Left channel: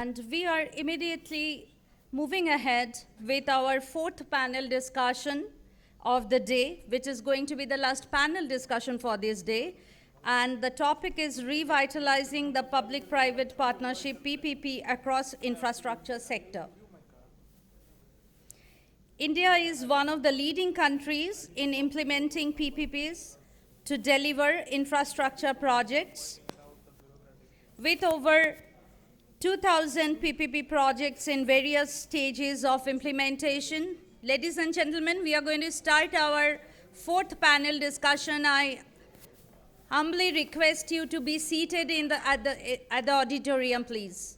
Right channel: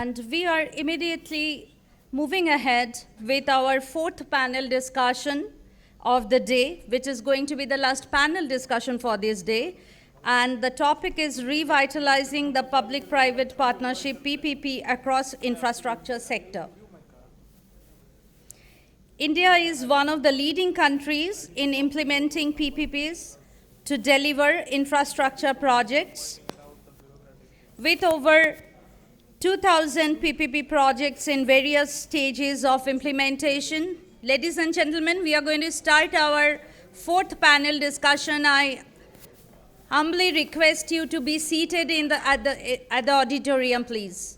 And we are immediately moving ahead with our fourth panel discussion of the day, which is going to be the last panel discussion for this day. And the topic is Revitalizing the Public-Private Partnership PPP across infrastructure sector. India is one of the leading countries in implementing PPPs to deliver infrastructure projects, with over 2,000 PPP projects in various stages of implementation. Ladies and gentlemen, we are going to start our fourth panel discussion. I humbly request you to be seated at the auditorium, please.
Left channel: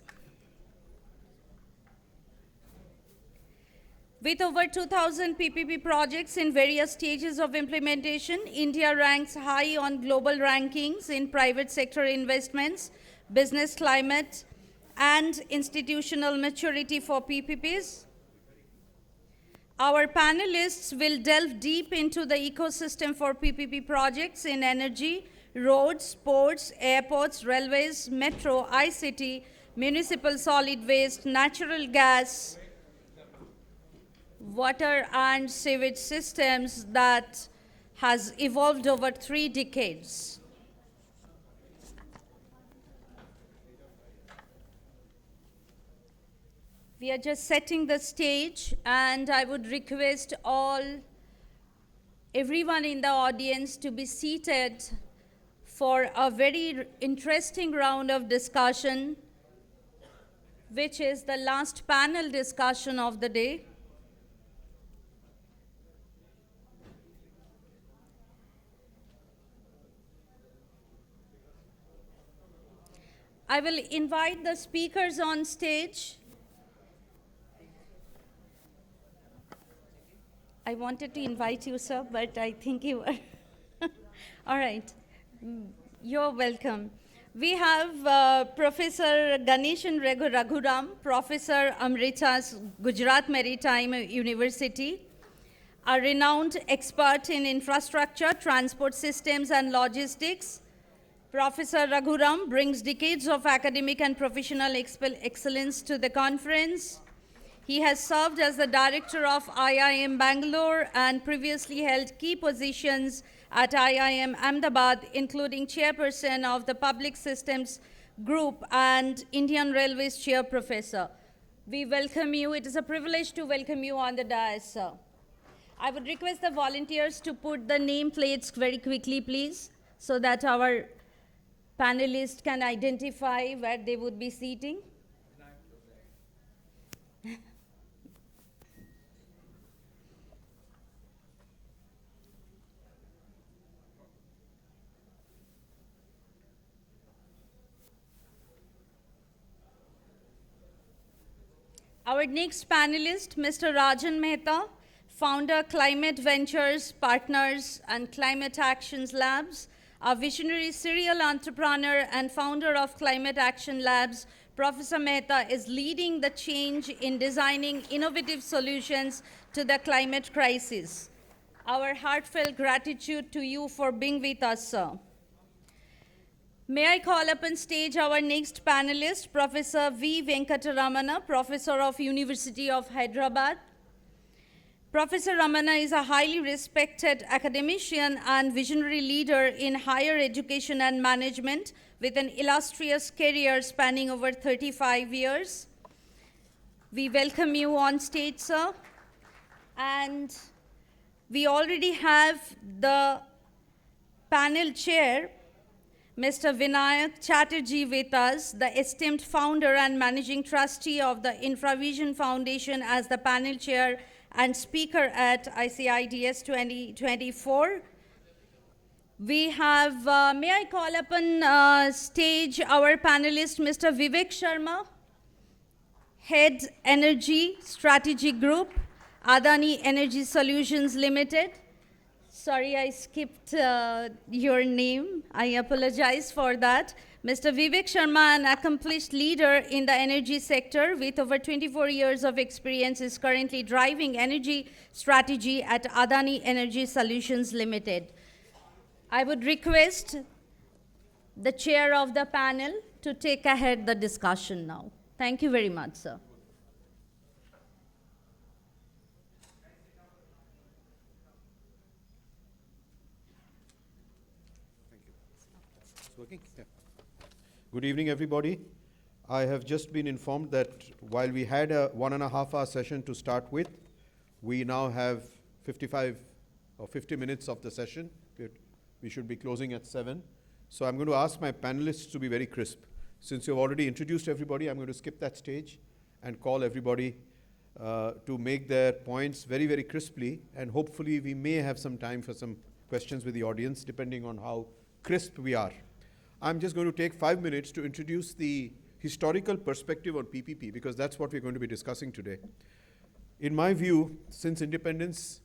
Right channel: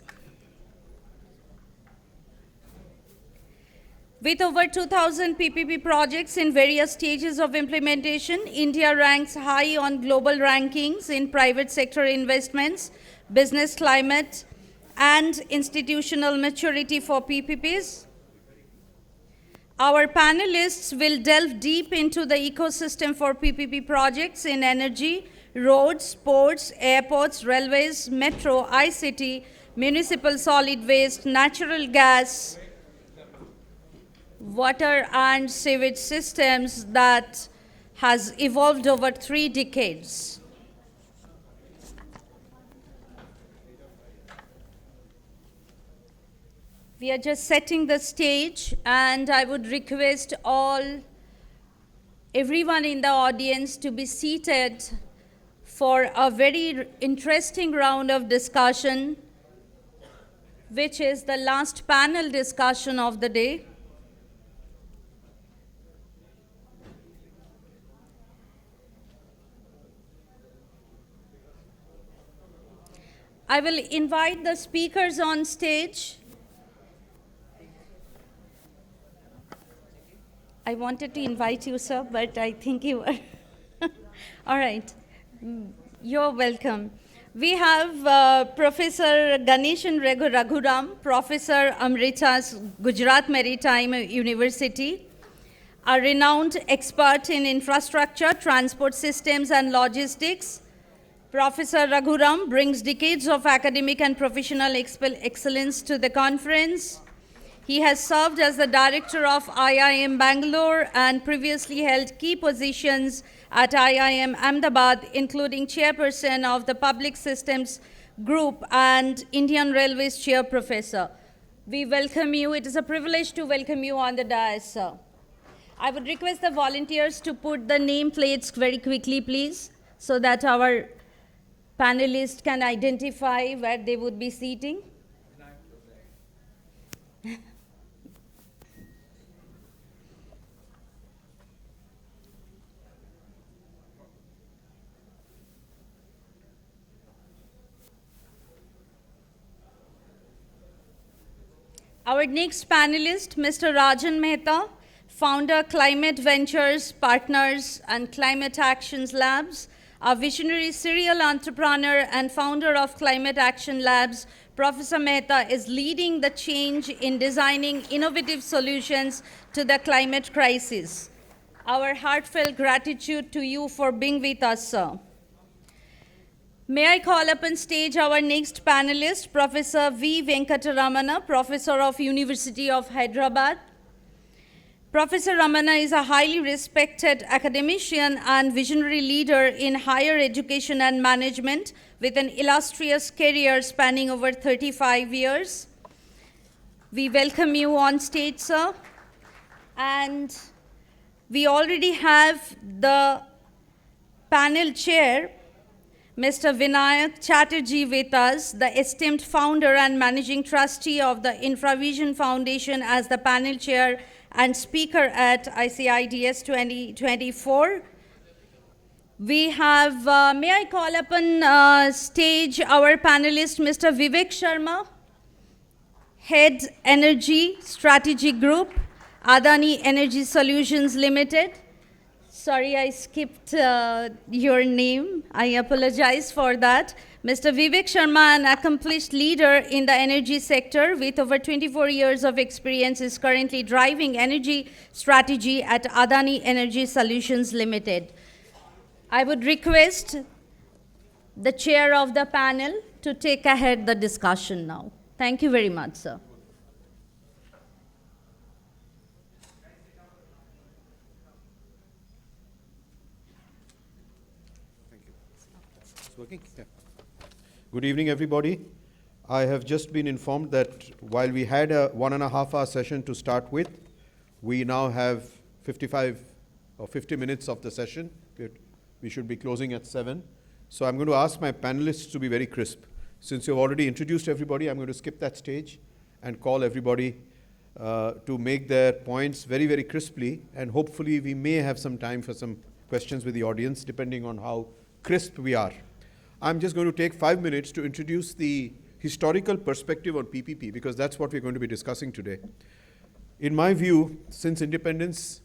With over 2,000 PPP projects in various stages of implementation, India ranks high on global rankings in private sector investments, business climate, and institutional maturity for PPPs. Our panelists will delve deep into the ecosystem for PPP projects in energy, roads, ports, airports, railways, metro, ICT, municipal solid waste, natural gas, water and sewage systems that has evolved over 3 decades. We are just setting the stage, and I would request everyone in the audience to be seated for a very interesting round of discussion, which is the last panel discussion of the day. I will invite the speakers on stage. I wanted to invite you, sir, but I think you were. All right. You're welcome. We have Professor Ganeshan Raghuram, Professor Amrita's Gujarat Maritime University, a renowned expert in infrastructure, transport systems, and logistics. Professor Raghuram brings decades of academic and professional excellence to the conference. He has served as the director of IIM Bangalore and previously held key positions at IIM Ahmedabad, including chairperson of the Public Systems Group and Indian Railways chair professor. We welcome you. It is a privilege to welcome you on the dais, sir. I would request the volunteers to put the nameplates very quickly, please, so that our panelists can identify where they would be seating. Our next panelist, Mr. Rajan Mehta, founder, Climate Ventures Partners and Climate Actions Labs, a visionary serial entrepreneur and founder of Climate Action Labs. Professor Mehta is leading the change in designing innovative solutions to the climate crisis. Our heartfelt gratitude to you for being with us, sir. May I call up on stage our next panelist, Professor V. Venkataramana, Professor of University of Hyderabad. Professor Ramana is a highly respected academician and visionary leader in higher education and management with an illustrious career spanning over 35 years. We welcome you on stage, sir. And we already have the panel chair, Mr. Vinayak Chatterjee, with us, the esteemed founder and managing trustee of the InfraVision Foundation, as the panel chair and speaker at ICIDS-2024. We have, may I call upon stage our panelist, Mr. Vivek Sharma, Head Energy Strategy Group, Adani Energy Solutions Limited. Sorry, I skipped your name. I apologize for that. Mr. Vivek Sharma, an accomplished leader in the energy sector with over 24 years of experience, is currently driving energy strategy at Adani Energy Solutions Limited. I would request the chair of the panel to take ahead the discussion now. Thank you very much, sir. Thank you. It's working? Yeah. Good evening, everybody. I have just been informed that while we had a 1.5-hour session to start with, we now have 55 or 50 minutes of the session. We should be closing at 7. So I'm going to ask my panelists to be very crisp. Since you've already introduced everybody, I'm going to skip that stage and call everybody to make their points very, very crisply. And hopefully we may have some time for some questions with the audience, depending on how crisp we are. I'm just going to take 5 minutes to introduce the historical perspective on PPP, because that's what we're going to be discussing today. In my view, since independence,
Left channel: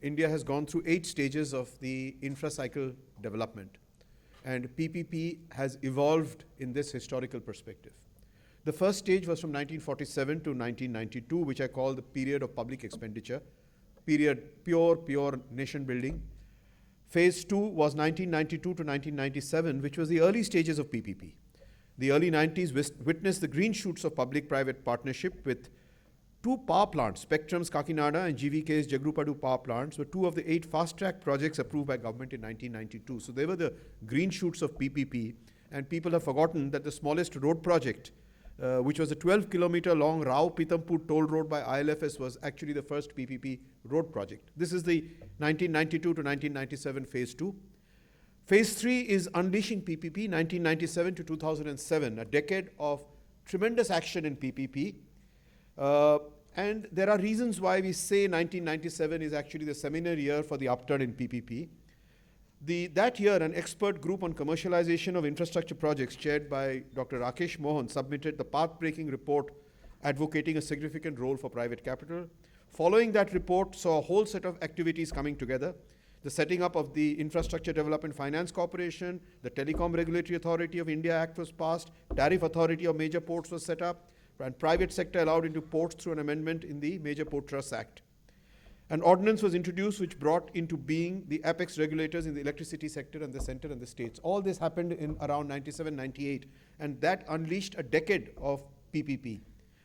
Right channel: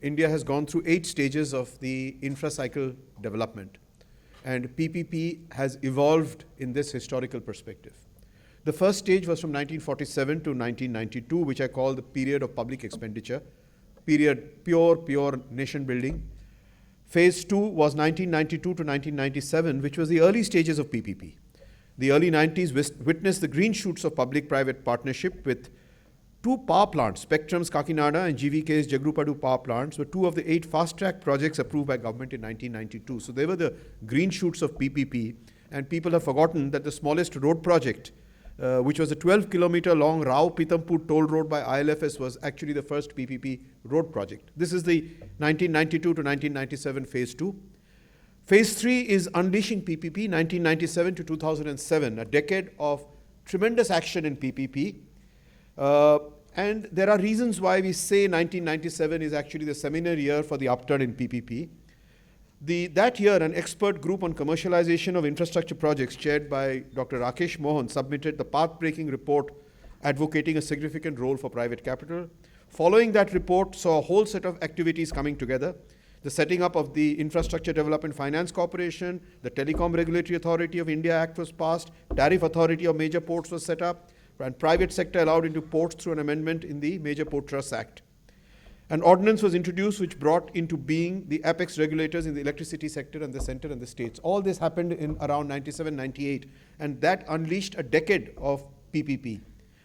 India has gone through 8 stages of the infra-cycle development. And PPP has evolved in this historical perspective. The first stage was from 1947 to 1992, which I call the period of public expenditure, period pure nation building. Phase 2 was 1992 to 1997, which was the early stages of PPP. The early 90s witnessed the green shoots of public-private partnership with 2 power plants, Spectrum's Kakinada and GVK's Jagrupadu power plants, were 2 of the 8 fast-track projects approved by government in 1992. So they were the green shoots of PPP, and people have forgotten that the smallest road project, which was a 12-kilometer long Rao-Pitampur toll road by ILFS, was actually the first PPP road project. This is the 1992 to 1997 phase 2. Phase 3 is unleashing PPP, 1997 to 2007, a decade of tremendous action in PPP. And there are reasons why we say 1997 is actually the seminal year for the upturn in PPP. That year, an expert group on commercialization of infrastructure projects chaired by Dr. Rakesh Mohan submitted the path-breaking report advocating a significant role for private capital. Following that report saw a whole set of activities coming together. The setting up of the Infrastructure Development Finance Corporation, the Telecom Regulatory Authority of India Act was passed, Tariff Authority of Major Ports was set up, and private sector allowed into ports through an amendment in the Major Port Trust Act. An ordinance was introduced which brought into being the apex regulators in the electricity sector and the center and the states. All this happened in around 97, 98, and that unleashed a decade of PPP.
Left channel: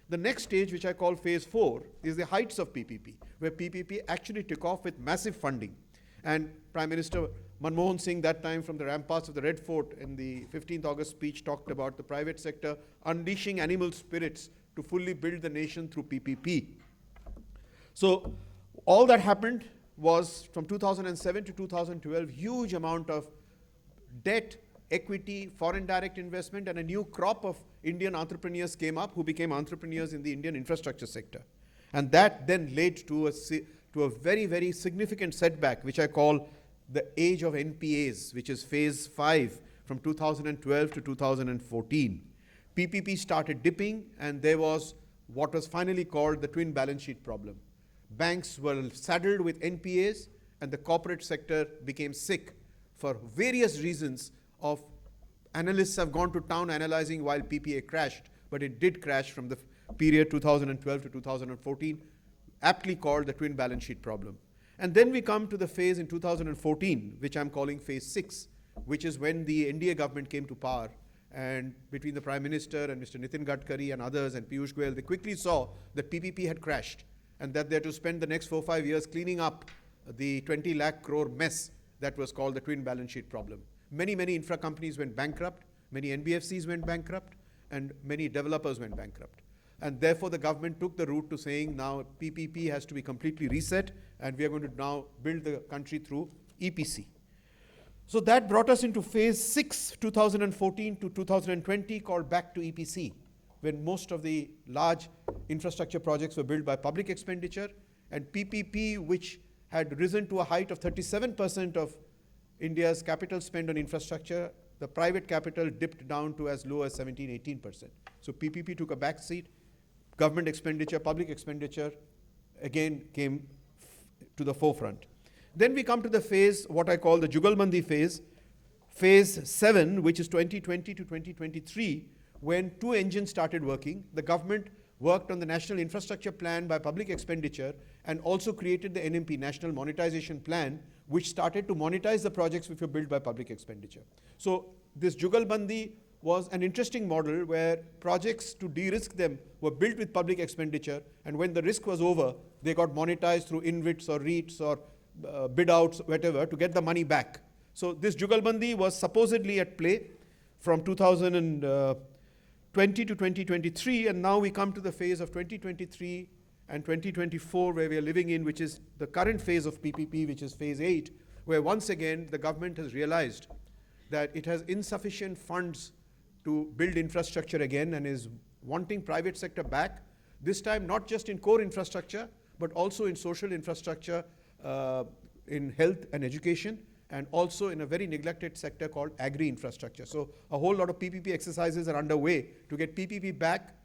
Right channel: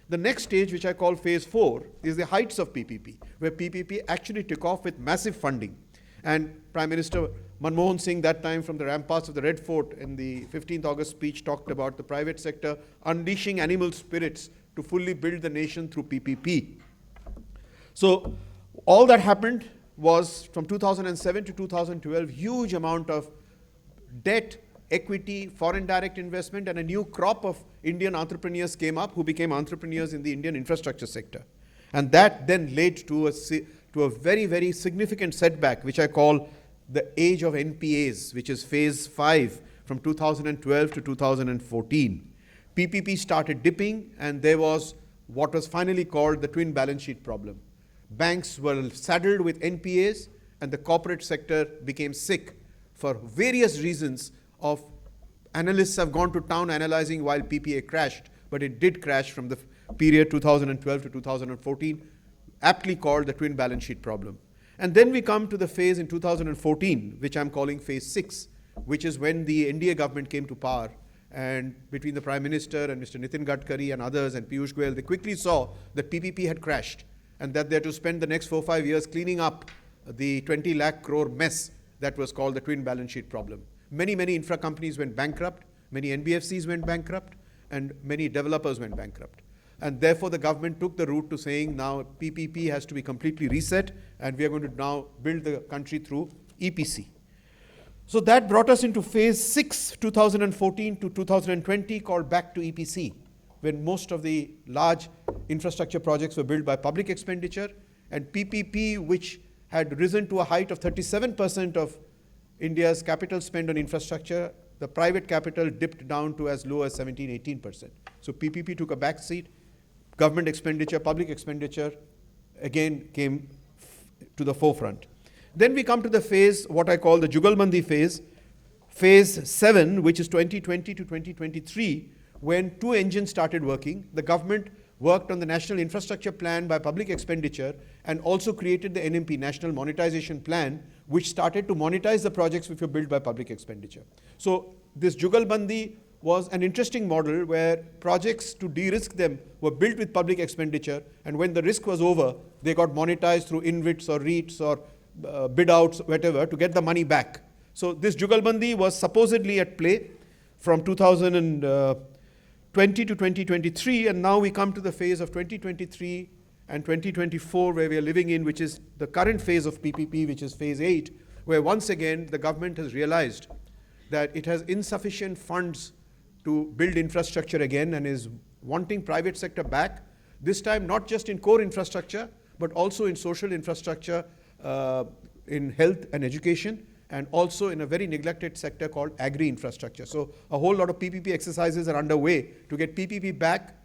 The next stage, which I call phase 4, is the heights of PPP, where PPP actually took off with massive funding. And Prime Minister Manmohan Singh, that time from the ramparts of the Red Fort in the 15th August speech, talked about the private sector unleashing animal spirits to fully build the nation through PPP. So all that happened was from 2007 to 2012, huge amount of debt, equity, foreign direct investment, and a new crop of Indian entrepreneurs came up who became entrepreneurs in the Indian infrastructure sector. And that then led to a very, very significant setback, which I call the age of NPAs, which is phase 5 from 2012 to 2014. PPP started dipping, and there was what was finally called the twin balance sheet problem. Banks were saddled with NPAs, and the corporate sector became sick for various reasons. Analysts have gone to town analyzing why PPA crashed, but it did crash from the period 2012 to 2014, aptly called the twin balance sheet problem. And then we come to the phase in 2014, which I'm calling phase 6, which is when the NDA government came to power. And between the Prime Minister and Mr. Nitin Gadkari and others and Piyush Goyal, they quickly saw that PPP had crashed and that they had to spend the next 4-5 years cleaning up the 20 lakh crore mess that was called the twin balance sheet problem. Many, many infra companies went bankrupt, many NBFCs went bankrupt, and many developers went bankrupt. And therefore, the government took the route to saying now PPP has to be completely reset, and we are going to now build the country through EPC. So that brought us into phase 6, 2014 to 2020, called back to EPC, when most of the large infrastructure projects were built by public expenditure, and PPP, which had risen to a height of 37% of India's capital spend on infrastructure, the private capital dipped down to as low as 17, 18%. So PPP took a back seat. Government expenditure, public expenditure, again came to the forefront. Then we come to the phase, what I call the Jugalbandi phase, phase 7, which is 2020 to 2023, when 2 engines started working. The government worked on the National Infrastructure Plan by public expenditure and also created the NMP, National Monetization Plan, which started to monetize the projects which were built by public expenditure. So this Jugalbandi was an interesting model where projects, to de-risk them, were built with public expenditure, and when the risk was over, they got monetized through InvITs or REITs or bid outs, whatever, to get the money back. So this Jugalbandi was supposedly at play from 2020 to 2023, and now we come to the phase of 2023 and 2024 where we are living in, which is the current phase of PPP, which is phase 8, where once again the government has realized that it has insufficient funds to build infrastructure again and is wanting private sector back, this time not just in core infrastructure, but also in social infrastructure, in health and education, and also in a very neglected sector called agri-infrastructure. So a whole lot of PPP exercises are underway to get PPP back,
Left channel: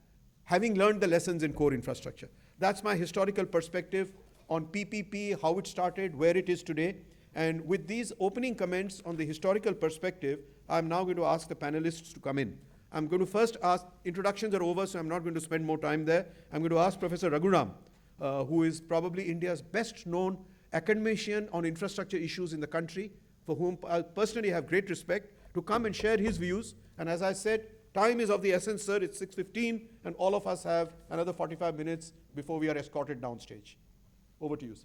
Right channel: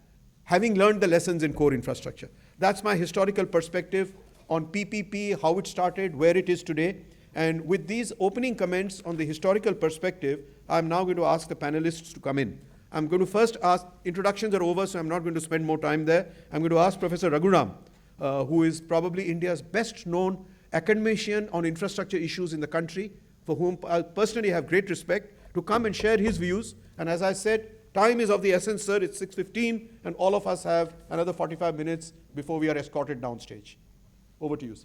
having learned the lessons in core infrastructure. That's my historical perspective on PPP, how it started, where it is today. And with these opening comments on the historical perspective, I'm now going to ask the panelists to come in. I'm going to first ask, introductions are over, so I'm not going to spend more time there. I'm going to ask Professor Raghuram, who is probably India's best known academician on infrastructure issues in the country, for whom I personally have great respect, to come and share his views. And as I said, time is of the essence, sir. It's 6:15, and all of us have another 45 minutes before we are escorted downstage. Over to you, sir.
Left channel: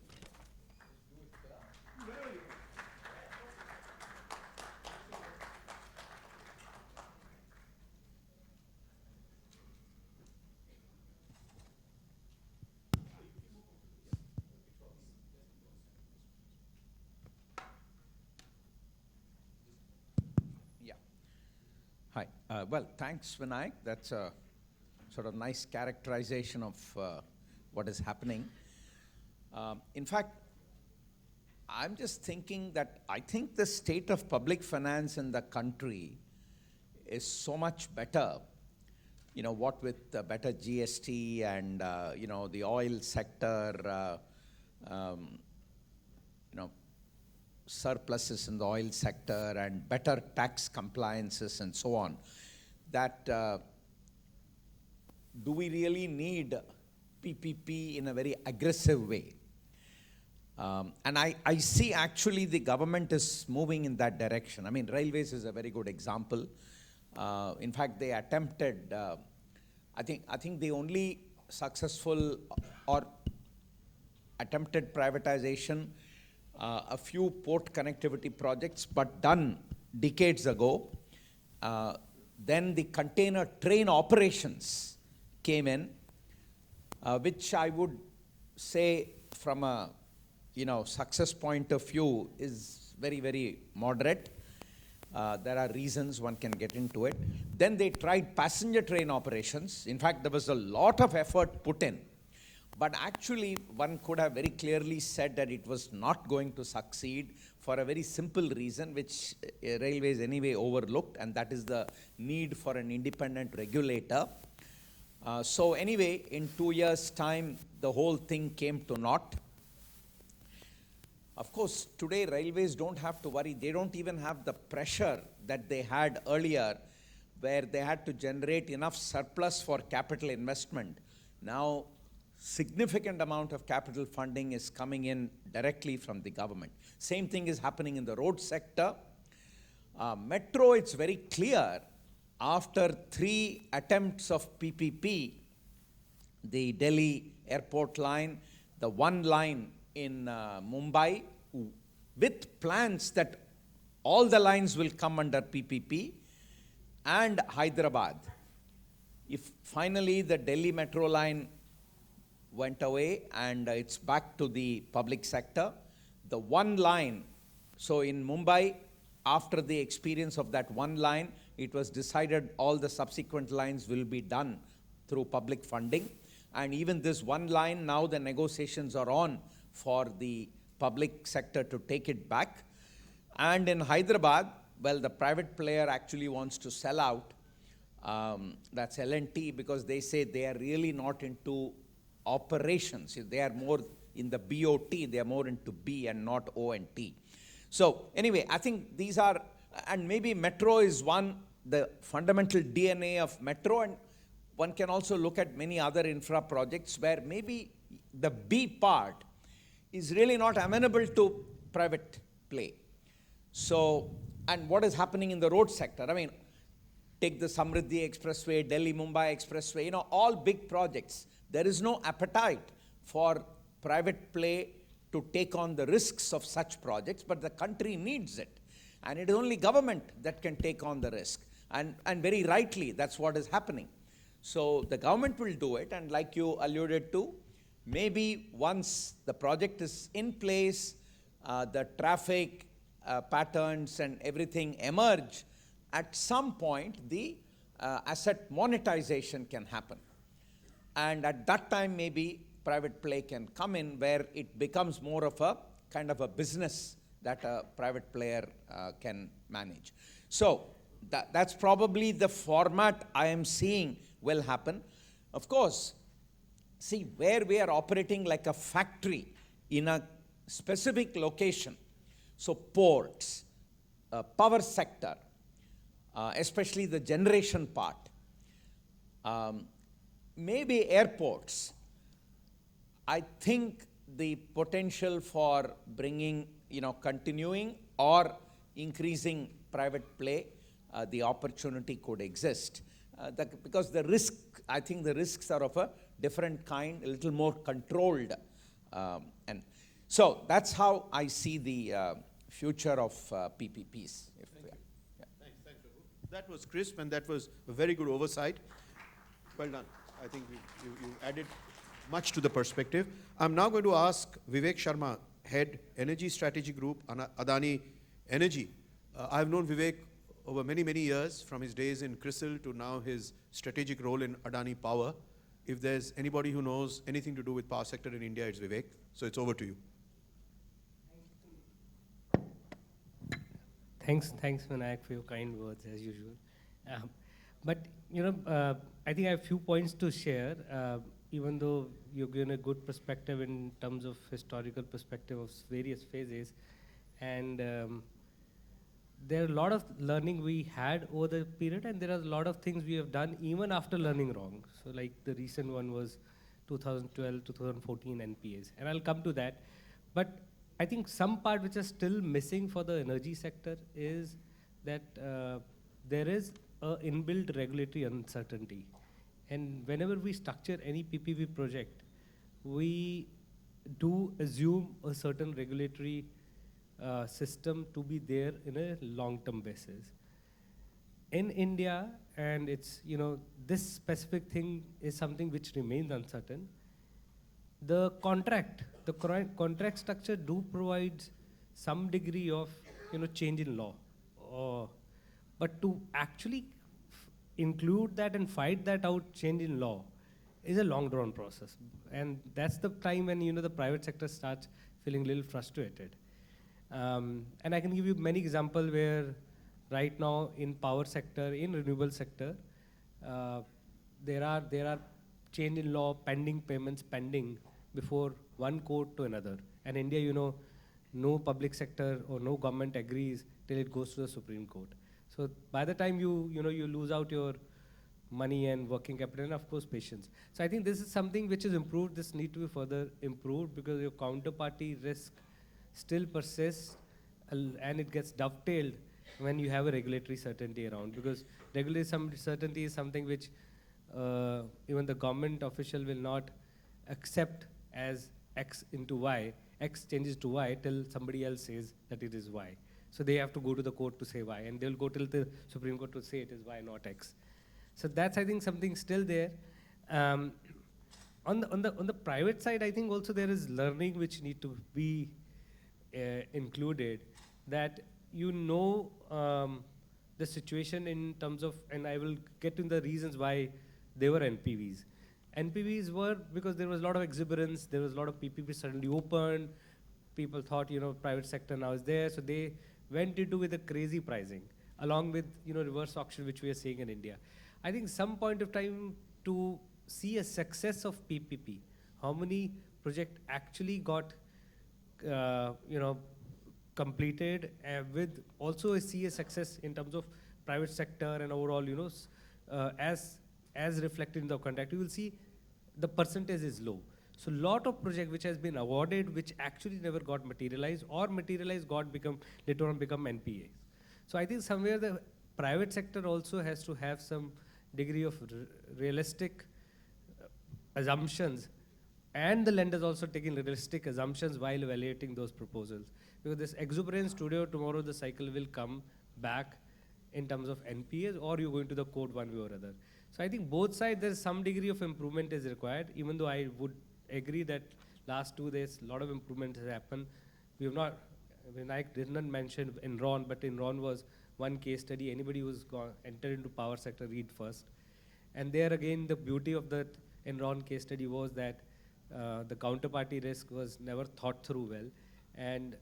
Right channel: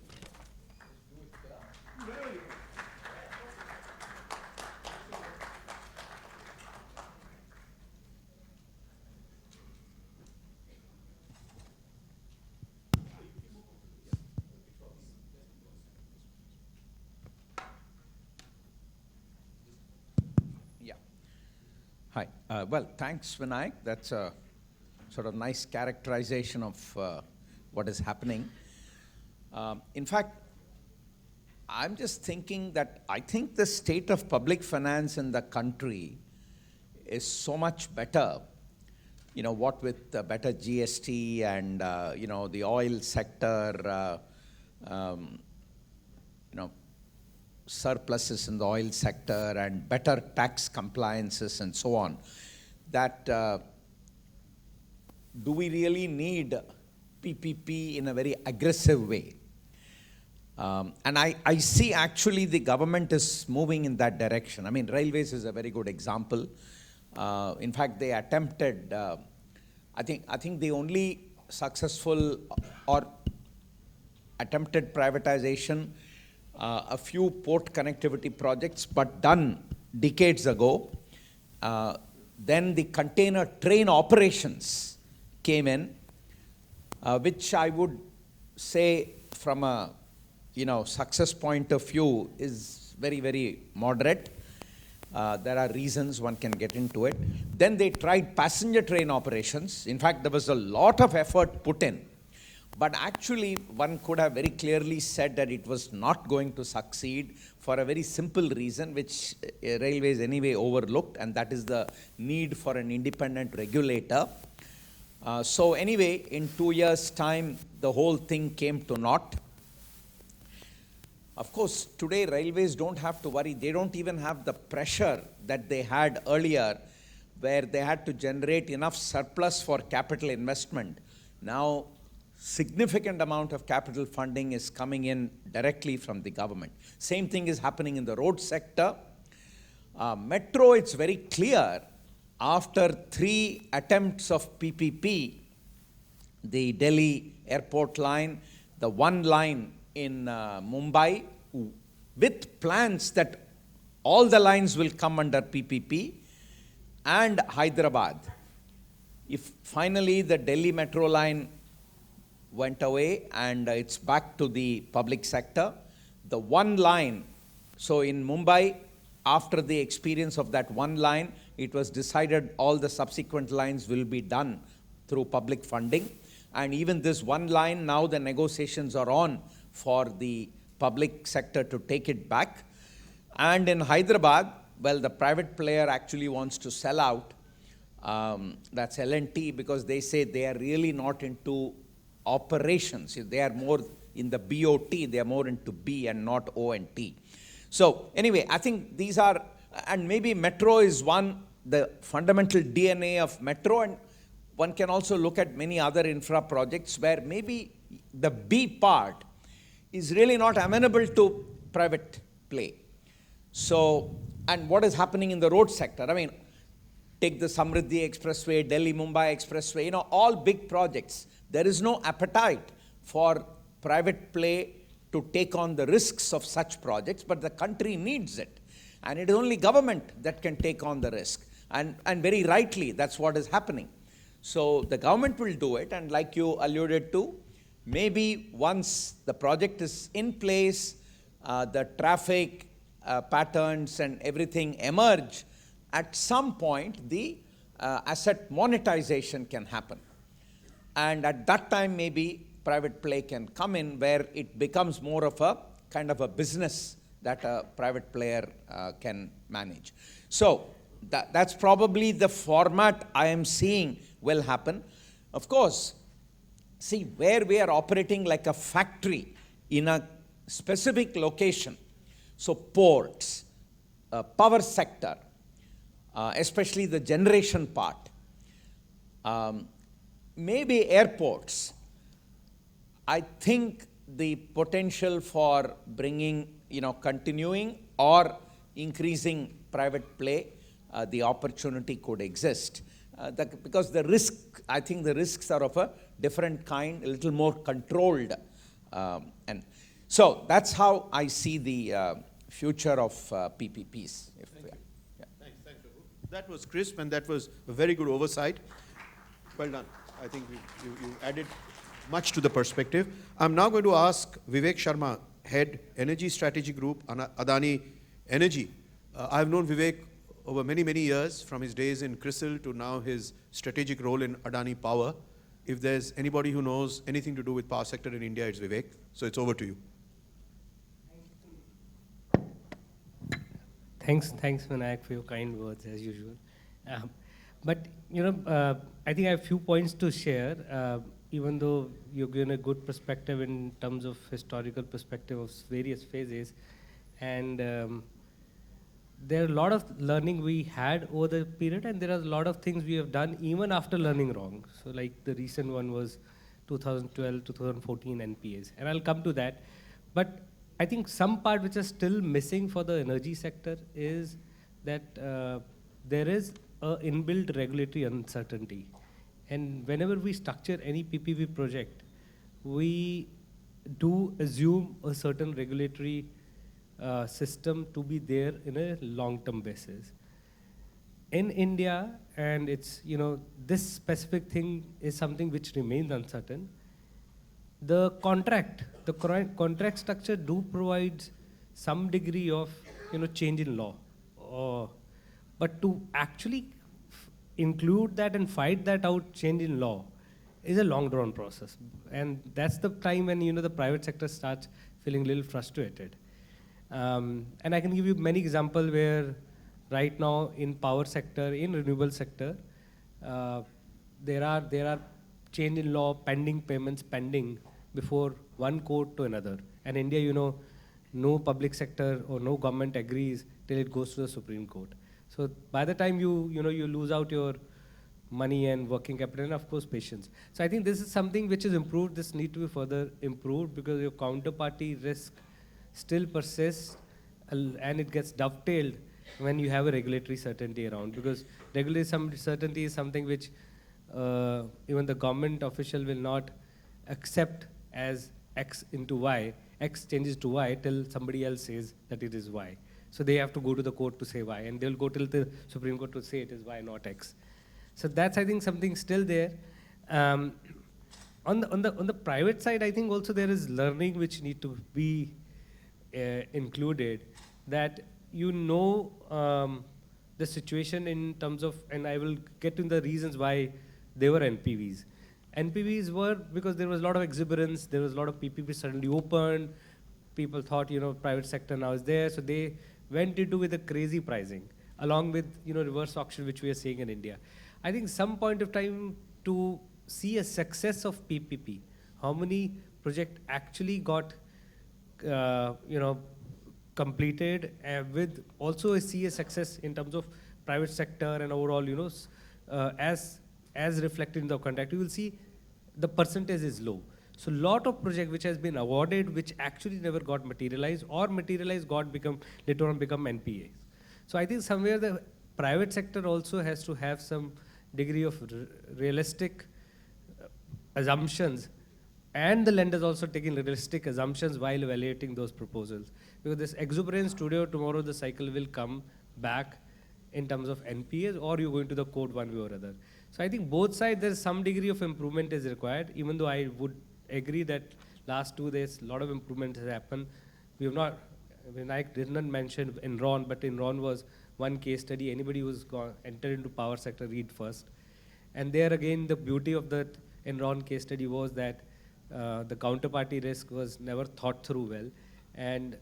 Hi. Well, thanks, Vinayak. That's a sort of nice characterization of what is happening. In fact, I'm just thinking that I think the state of public finance in the country is so much better, what with the better GST and, the oil sector, surpluses in the oil sector and better tax compliances and so on, that do we really need PPP in a very aggressive way? And I see actually the government is moving in that direction. I mean, railways is a very good example. In fact, they attempted, I think the only successful or attempted privatization, a few port connectivity projects, but done decades ago. Then the container train operations came in, which I would say from a success point of view is very, very moderate. There are reasons, one can get into it. Then they tried passenger train operations. In fact, there was a lot of effort put in. But actually, one could have very clearly said that it was not going to succeed for a very simple reason, which railways anyway overlooked, and that is the need for an independent regulator. So anyway, in 2 years' time, the whole thing came to naught. Of course, today railways don't have to worry. They don't even have the pressure that they had earlier, where they had to generate enough surplus for capital investment. Now, significant amount of capital funding is coming in directly from the government. Same thing is happening in the road sector. Metro, it's very clear, after 3 attempts of PPP, the Delhi airport line, the one line in Mumbai, with plans that all the lines will come under PPP, and Hyderabad. If finally the Delhi metro line went away and it's back to the public sector, the one line, so in Mumbai, after the experience of that one line, it was decided all the subsequent lines will be done through public funding. And even this one line, now the negotiations are on for the public sector to take it back. And in Hyderabad, well, the private player actually wants to sell out. That's L&T, because they say they are really not into operations. They are more in the BOT, they are more into B and not O and T. So anyway, I think these are, and maybe metro is one, the fundamental DNA of metro, and one can also look at many other infra projects where maybe the B part is really not amenable to private play. So, and what is happening in the road sector? I mean, Take the Samriddhi Expressway, Delhi-Mumbai Expressway, all big projects. There is no appetite for private play to take on the risks of such projects, but the country needs it. And it is only government that can take on the risk. And very rightly, that's what is happening. So the government will do it, and like you alluded to, maybe once the project is in place, the traffic patterns and everything emerge, at some point the asset monetization can happen. And at that time, maybe private play can come in, where it becomes more of a kind of a business that a private player can manage. So that's probably the format I am seeing will happen. Of course, see, where we are operating like a factory in a specific location, so ports, power sector, especially the generation part, maybe airports, I think the potential for bringing, continuing or increasing private play, the opportunity could exist. Because the risk, I think the risks are of a different kind, a little more controlled. And so that's how I see the future of PPPs. Thanks, Raghu. That was crisp, and that was a very good oversight. Well done. I think you added much to the perspective. I'm now going to ask Vivek Sharma, Head Energy Strategy Group, Adani Energy. I've known Vivek over many, many years, from his days in CRISIL to now his strategic role in Adani Power. If there's anybody who knows anything to do with power sector in India, it's Vivek. So it's over to you. Thanks, Vinayak, for your kind words, as usual. But, I think I have a few points to share, even though you've given a good perspective in terms of historical perspective of various phases. And there are a lot of learning we had over the period, and there are a lot of things we have done even after learning wrong. So like the recent one was 2012, 2014 NPAs, and I'll come to that. But I think some part which is still missing for the energy sector is that there is a inbuilt regulatory uncertainty. And whenever we structure any PPP project, we do assume a certain regulatory system to be there in a long-term basis. In India, and it's, this specific thing is something which remains uncertain. The contract structure do provides some degree of, change in law. But to actually include that and fight that out, change in law, is a long drawn process. And that's the time when, the private sector starts feeling a little frustrated. And I can give you many examples where right now in power sector, in renewable sector, there are change in law, pending payments pending before one court to another. And India, no public sector or no government agrees till it goes to the Supreme Court. So by the time you lose out your money and working capital, and of course patience. So I think this is something which is improved. This need to be further improved because your counterparty risk still persists, and it gets dovetailed when you have a regulatory certainty around, because regulatory certainty is something which even the government official will not accept as X into Y. X changes to Y till somebody else says that it is Y. So they have to go to the court to say Y, and they'll go till the Supreme Court to say it is Y, not X. So that's, I think, something still there. On the private side, I think also there is learning which need to be included, that the situation in terms of, and I will get into the reasons why they were NPVs. NPVs were because there was a lot of exuberance, there was a lot of PPP suddenly opened, people thought, private sector now is there, so they went into with a crazy pricing, along with, reverse auction, which we are seeing in India. I think some point of time to see a success of PPP, how many projects actually got, completed, with also see a success in terms of private sector and overall, as reflected in the contract, you will see the percentage is low. So lot of project which has been awarded, which actually never got materialized, or materialized later on become NPA. So I think somewhere the private sector also has to have some degree of realistic assumptions, and the lenders also taking realistic assumptions while evaluating those proposals. Because this exuberance today or tomorrow, the cycle will come back in terms of NPAs, or you're going to the court one way or other. So I think both sides, there's some degree of improvement is required, even though I would agree that last 2 days, a lot of improvement has happened. We have not, I did not mention Enron, but Enron was one case study. Anybody who's entered into power sector, read first. And there again, the beauty of that Enron case study was that the counterparty risk was never thought through well, and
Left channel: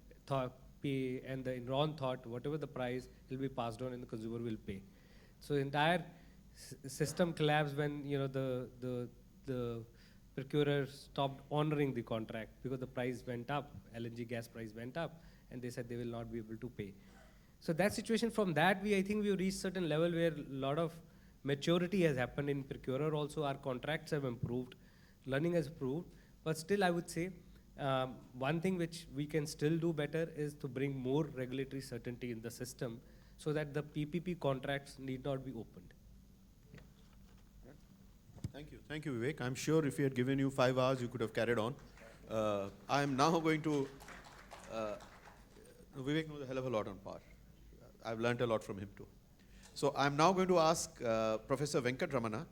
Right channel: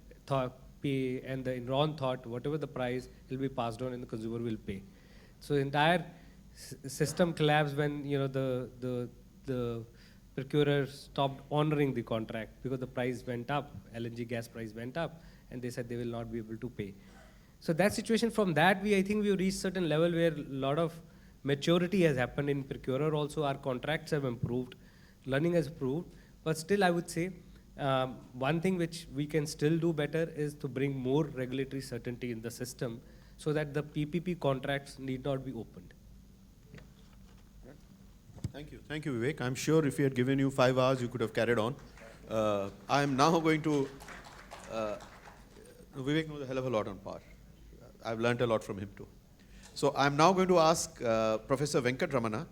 the Enron thought whatever the price will be passed on and the consumer will pay. So the entire system collapsed when the procurer stopped honoring the contract because the price went up, LNG gas price went up, and they said they will not be able to pay. So that situation, from that I think we reached certain level where a lot of maturity has happened in procurer also. Our contracts have improved, learning has improved, but still I would say one thing which we can still do better is to bring more regulatory certainty in the system so that the PPP contracts need not be opened. Thank you, Vivek. I'm sure if he had given you 5 hours, you could have carried on. I am now going to, Vivek knows a hell of a lot on power. I've learned a lot from him too. So I'm now going to ask Professor Venkat Ramana.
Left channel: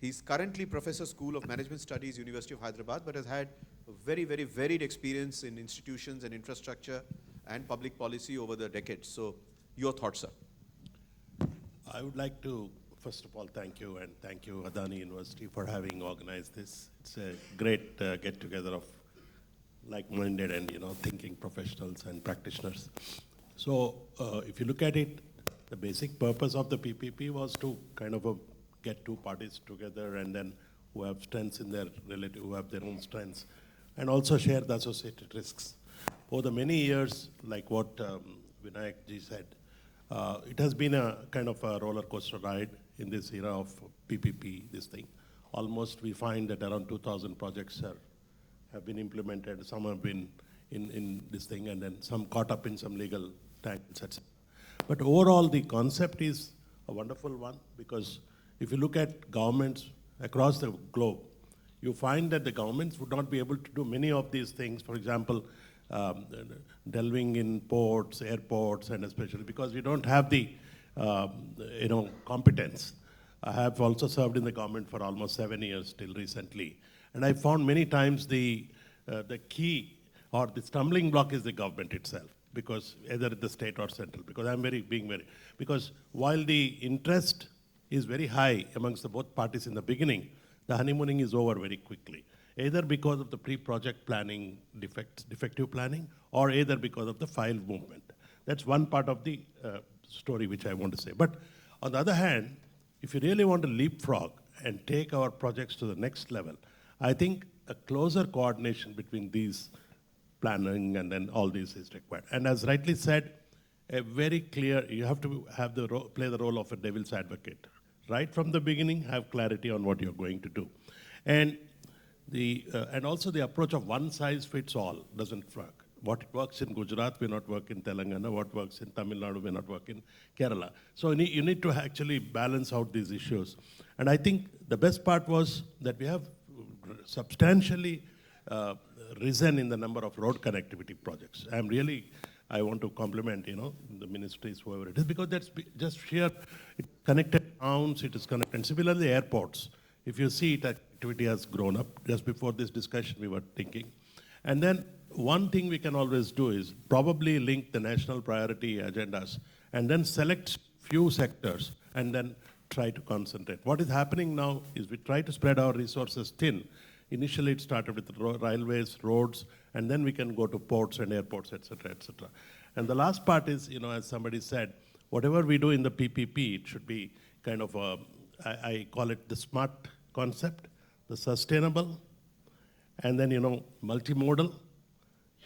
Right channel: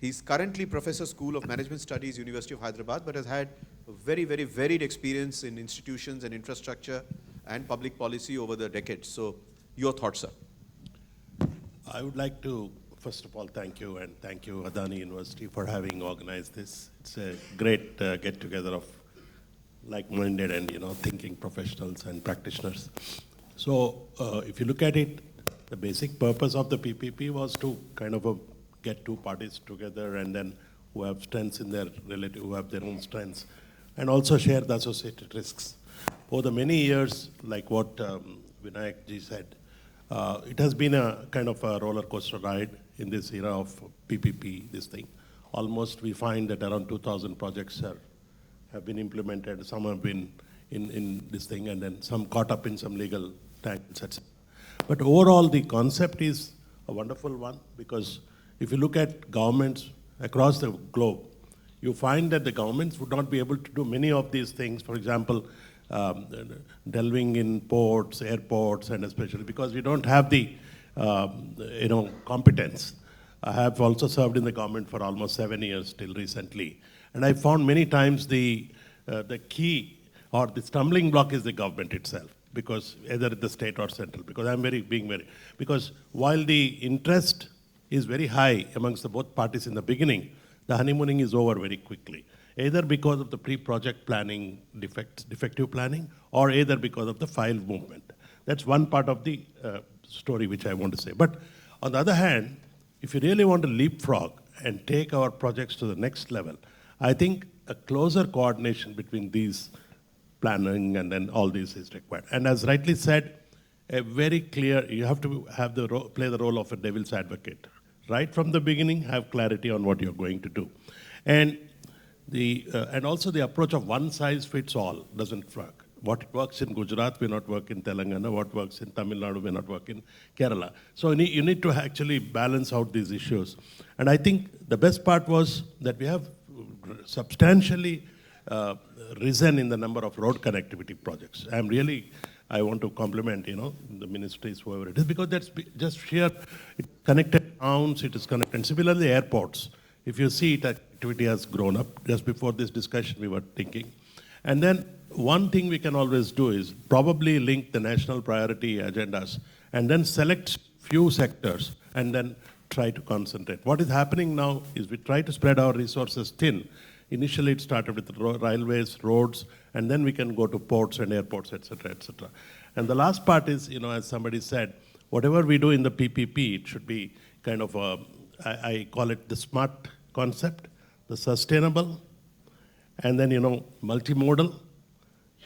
He's currently Professor School of Management Studies, University of Hyderabad, but has had a very, very varied experience in institutions and infrastructure and public policy over the decades. So your thoughts, sir. I would like to, first of all, thank you, and thank you, Adani University, for having organized this. It's a great get-together of like-minded and thinking professionals and practitioners. So if you look at it, the basic purpose of the PPP was to kind of get two parties together, and then who have strengths in their relative, who have their own strengths, and also share the associated risks. Over the many years, like what Vinayak ji said, it has been a kind of a roller coaster ride in this era of PPP, this thing. Almost we find that around 2,000 projects have been implemented, some have been in this thing, and then some caught up in some legal tangles, etc. But overall, the concept is a wonderful one, because if you look at governments across the globe, you find that the governments would not be able to do many of these things. For example, delving in ports, airports, and especially because we don't have the competence. I have also served in the government for almost 7 years till recently, and I found many times the key or the stumbling block is the government itself, because either at the state or central. Because because while the interest is very high amongst the both parties in the beginning, the honeymooning is over very quickly, either because of the pre-project planning defective planning, or either because of the file movement. That's one part of the story which I want to say. But on the other hand, if you really want to leapfrog and take our projects to the next level, I think a closer coordination between these planning and then all this is required. And as rightly said, a very clear, you have to have play the role of a devil's advocate. Right from the beginning, have clarity on what you're going to do. And also the approach of one size fits all doesn't work. What works in Gujarat may not work in Telangana, what works in Tamil Nadu may not work in Kerala. So you need to actually balance out these issues. And I think the best part was that we have substantially risen in the number of road connectivity projects. I want to compliment, the ministries, whoever it is, because that's just sheer, it connected towns, it is connected. Similarly, airports, if you see it, activity has grown up. Just before this discussion, we were thinking. And then one thing we can always do is probably link the national priority agendas and then select few sectors and then try to concentrate. What is happening now is we try to spread our resources thin. Initially, it started with railways, roads, and then we can go to ports and airports, et cetera, et cetera. And the last part is, as somebody said, whatever we do in the PPP, it should be kind of I call it the smart concept, the sustainable, and then, multimodal,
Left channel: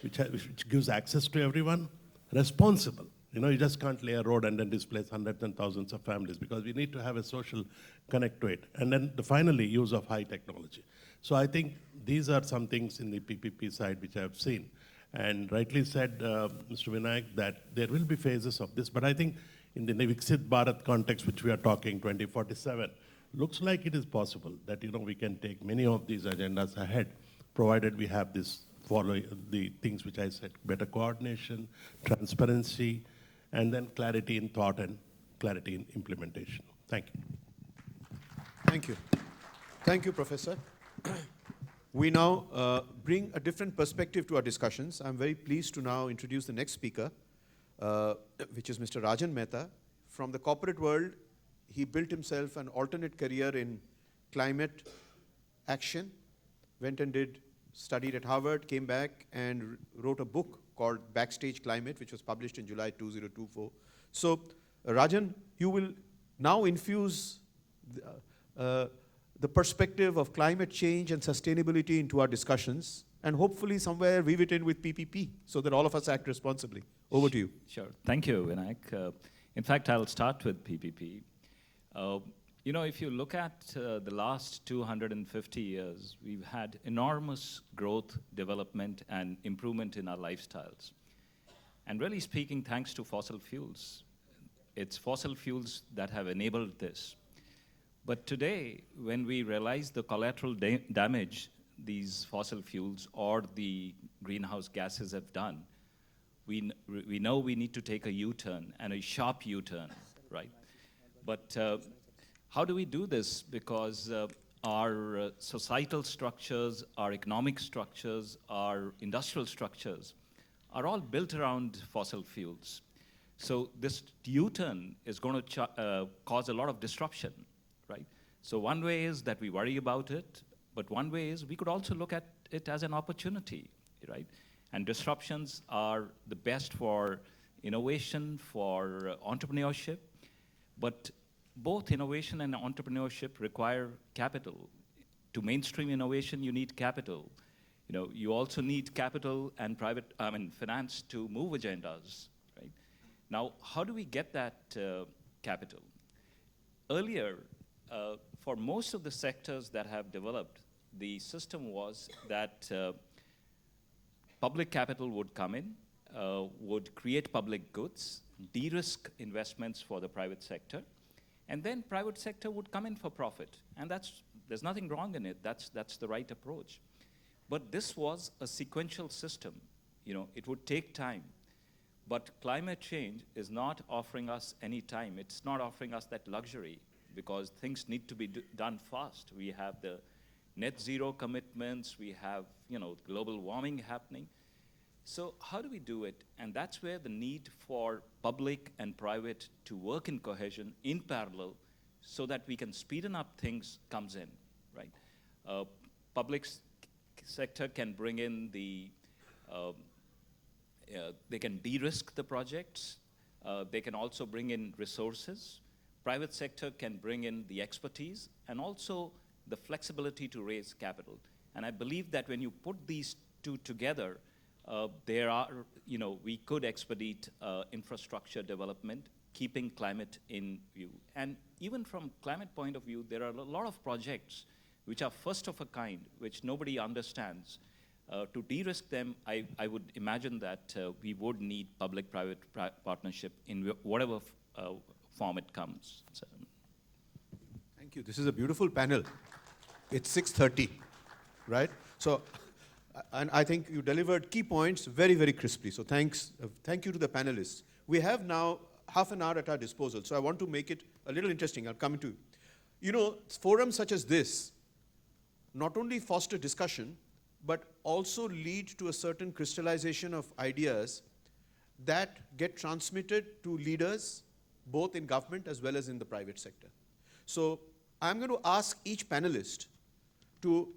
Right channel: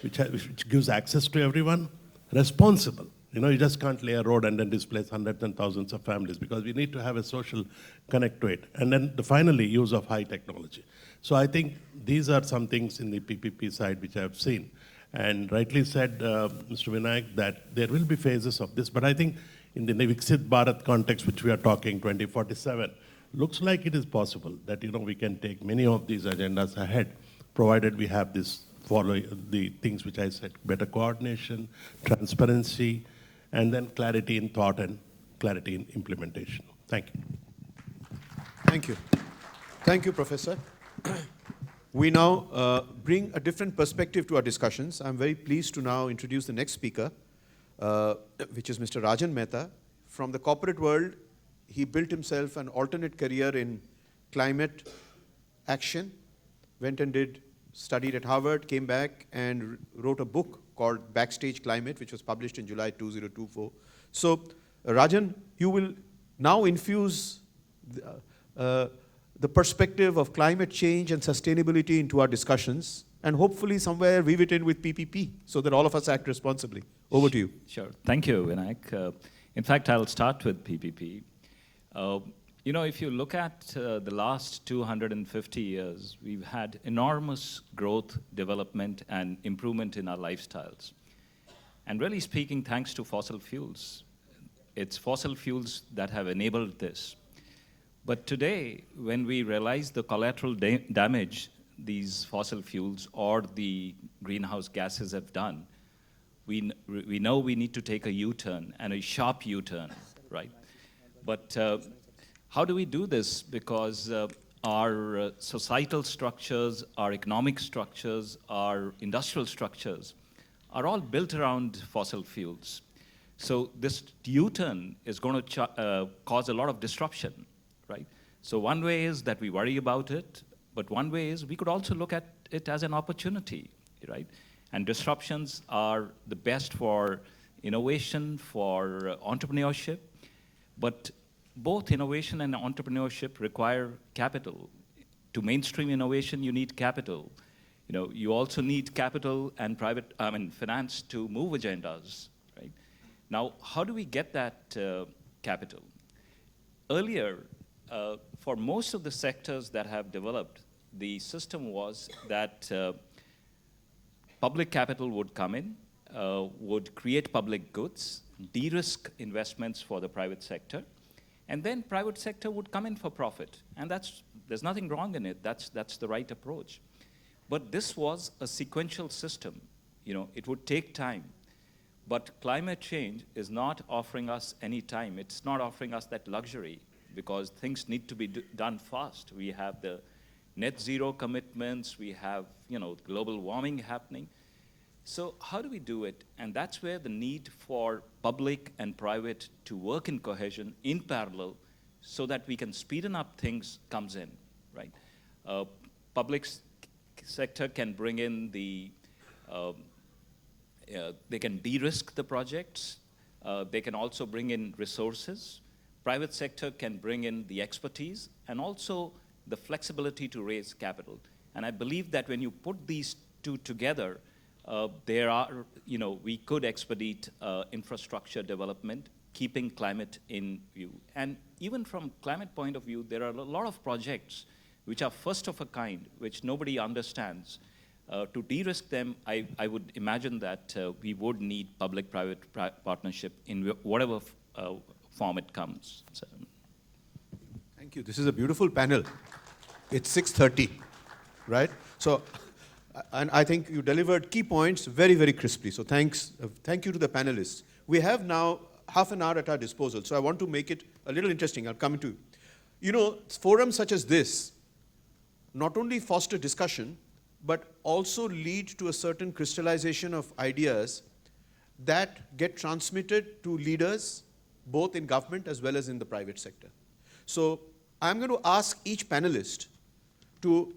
which gives access to everyone, responsible. You just can't lay a road and then displace hundreds and thousands of families, because we need to have a social connect to it. And then finally, use of high technology. So I think these are some things in the PPP side which I have seen. And rightly said, Mr. Vinayak, that there will be phases of this. But I think in the Viksit Bharat context, which we are talking 2047, looks like it is possible that we can take many of these agendas ahead, provided we have this follow the things which I said: better coordination, transparency, and then clarity in thought and clarity in implementation. Thank you. Thank you. Thank you, Professor. We now bring a different perspective to our discussions. I'm very pleased to now introduce the next speaker, which is Mr. Rajan Mehta. From the corporate world, he built himself an alternate career in climate action, went and studied at Harvard, came back and wrote a book called Backstage Climate, which was published in July 2024. So, Rajan, you will now infuse the perspective of climate change and sustainability into our discussions, and hopefully somewhere weave it in with PPP so that all of us act responsibly. Over to you. Sure. Thank you, Vinayak. In fact, I'll start with PPP. If you look at the last 250 years, we've had enormous growth, development, and improvement in our lifestyles. And really speaking, thanks to fossil fuels. It's fossil fuels that have enabled this. But today, when we realize the collateral damage these fossil fuels or the greenhouse gases have done, we know we need to take a U-turn, and a sharp U-turn, right? But how do we do this? Because our societal structures, our economic structures, our industrial structures are all built around fossil fuels. So this U-turn is going to cause a lot of disruption, right? So one way is that we worry about it, but one way is we could also look at it as an opportunity, right? And disruptions are the best for innovation, for entrepreneurship, but both innovation and entrepreneurship require capital. To mainstream innovation, you need capital. You also need capital and finance to move agendas, right? Now, how do we get that capital? Earlier, for most of the sectors that have developed, the system was that public capital would come in, would create public goods, de-risk investments for the private sector, and then private sector would come in for profit. And there's nothing wrong in it. That's the right approach. But this was a sequential system. It would take time. But climate change is not offering us any time. It's not offering us that luxury, because things need to be done fast. We have the net zero commitments, we have global warming happening. So how do we do it? And that's where the need for public and private to work in cohesion in parallel so that we can speeden up things comes in, right? Public sector can bring in they can de-risk the projects. They can also bring in resources. Private sector can bring in the expertise and also the flexibility to raise capital. And I believe that when you put these two together, we could expedite infrastructure development, keeping climate in view. And even from climate point of view, there are a lot of projects which are first of a kind, which nobody understands. To de-risk them, I would imagine that we would need public-private partnership in whatever form it comes. So. Thank you. This is a beautiful panel. It's 6:30, right? So, and I think you delivered key points very, very crisply. So thank you to the panelists. We have now half an hour at our disposal, so I want to make it a little interesting. I'll come to forums such as this not only foster discussion, but also lead to a certain crystallization of ideas that get transmitted to leaders, both in government as well as in the private sector. So I'm going to ask each panelist to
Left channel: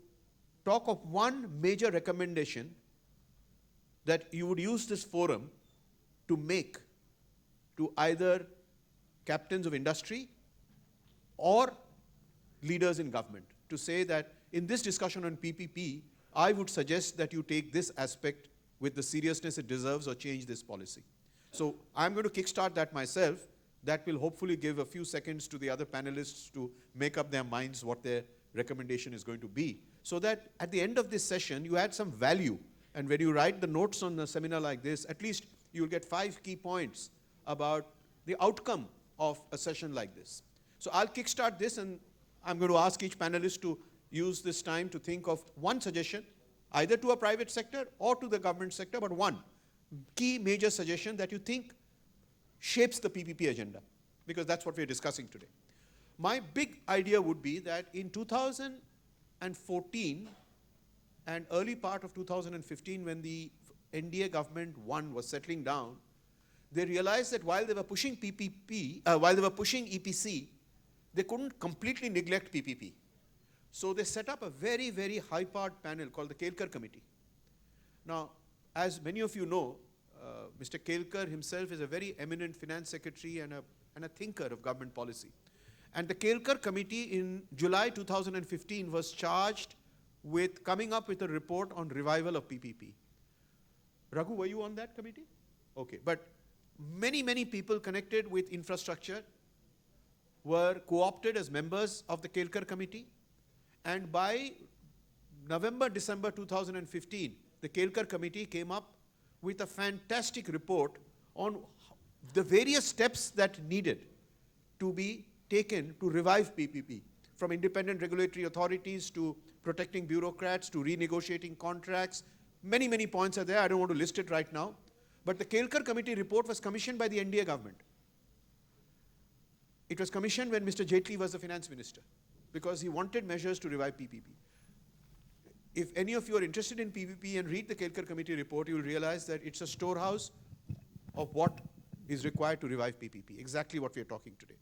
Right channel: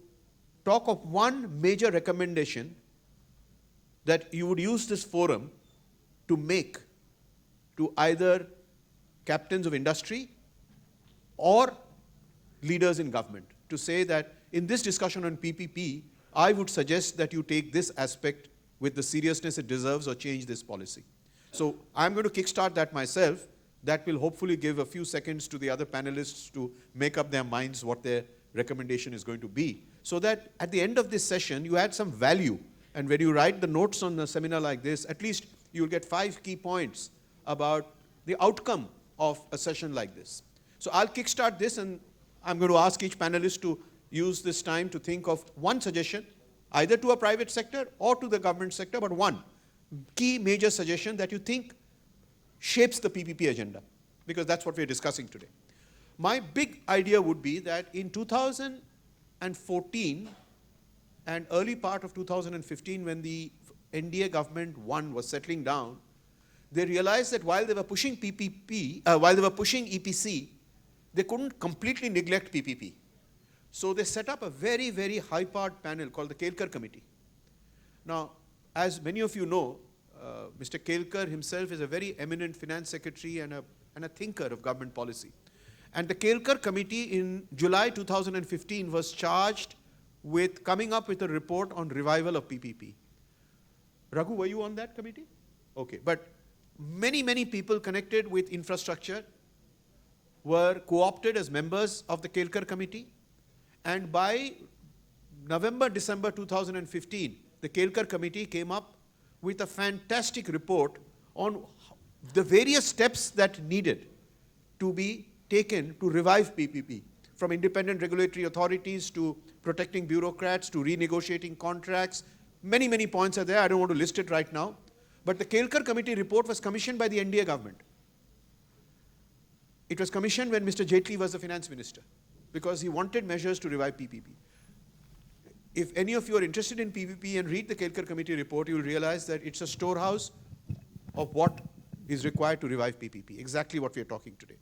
talk of one major recommendation that you would use this forum to make to either captains of industry or leaders in government, to say that in this discussion on PPP, I would suggest that you take this aspect with the seriousness it deserves or change this policy. So I'm going to kickstart that myself. That will hopefully give a few seconds to the other panelists to make up their minds what their recommendation is going to be, so that at the end of this session, you add some value. And when you write the notes on a seminar like this, at least you'll get 5 key points about the outcome of a session like this. So I'll kickstart this, and I'm going to ask each panelist to use this time to think of one suggestion, either to a private sector or to the government sector, but one key major suggestion that you think shapes the PPP agenda, because that's what we're discussing today. My big idea would be that in 2014 and early part of 2015, when the NDA government was settling down, they realized that while they were pushing while they were pushing EPC, they couldn't completely neglect PPP. So they set up a very, very high-powered panel called the Kelkar Committee. Now, as many of you know, Mr. Kelkar himself is a very eminent finance secretary and a thinker of government policy. And the Kelkar Committee in July 2015 was charged with coming up with a report on revival of PPP. Raghu, were you on that committee? Okay, but many, many people connected with infrastructure were co-opted as members of the Kelkar Committee. And by November, December 2015, the Kelkar Committee came up with a fantastic report on the various steps that needed to be taken to revive PPP, from independent regulatory authorities to protecting bureaucrats to renegotiating contracts. Many, many points are there. I don't want to list it right now. But the Kelkar Committee report was commissioned by the NDA government. It was commissioned when Mr. Jaitley was the finance minister, because he wanted measures to revive PPP. If any of you are interested in PPP and read the Kelkar Committee report, you will realize that it's a storehouse of what is required to revive PPP, exactly what we are talking today.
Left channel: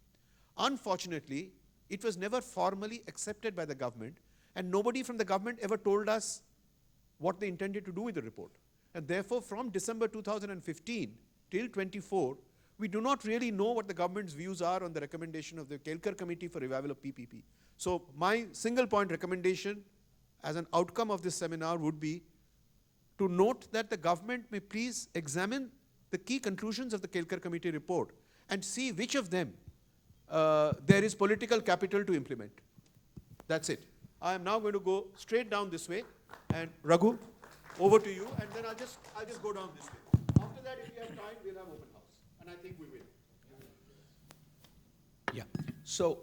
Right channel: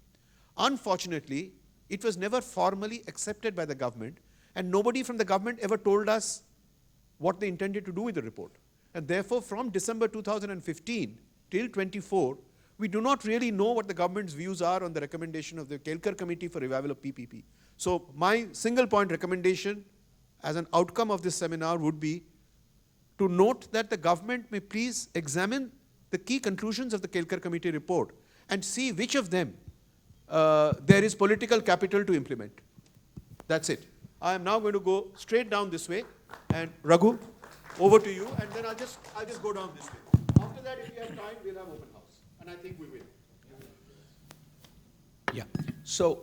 Unfortunately, it was never formally accepted by the government, and nobody from the government ever told us what they intended to do with the report. And therefore, from December 2015 till 24, we do not really know what the government's views are on the recommendation of the Kelkar Committee for Revival of PPP. So my single point recommendation as an outcome of this seminar would be to note that the government may please examine the key conclusions of the Kelkar Committee report and see which of them there is political capital to implement. That's it. I am now going to go straight down this way, and Raghu, over to you, and then I'll just go down this way. After that, if we have time, we'll have open house, and I think we will. Yeah. So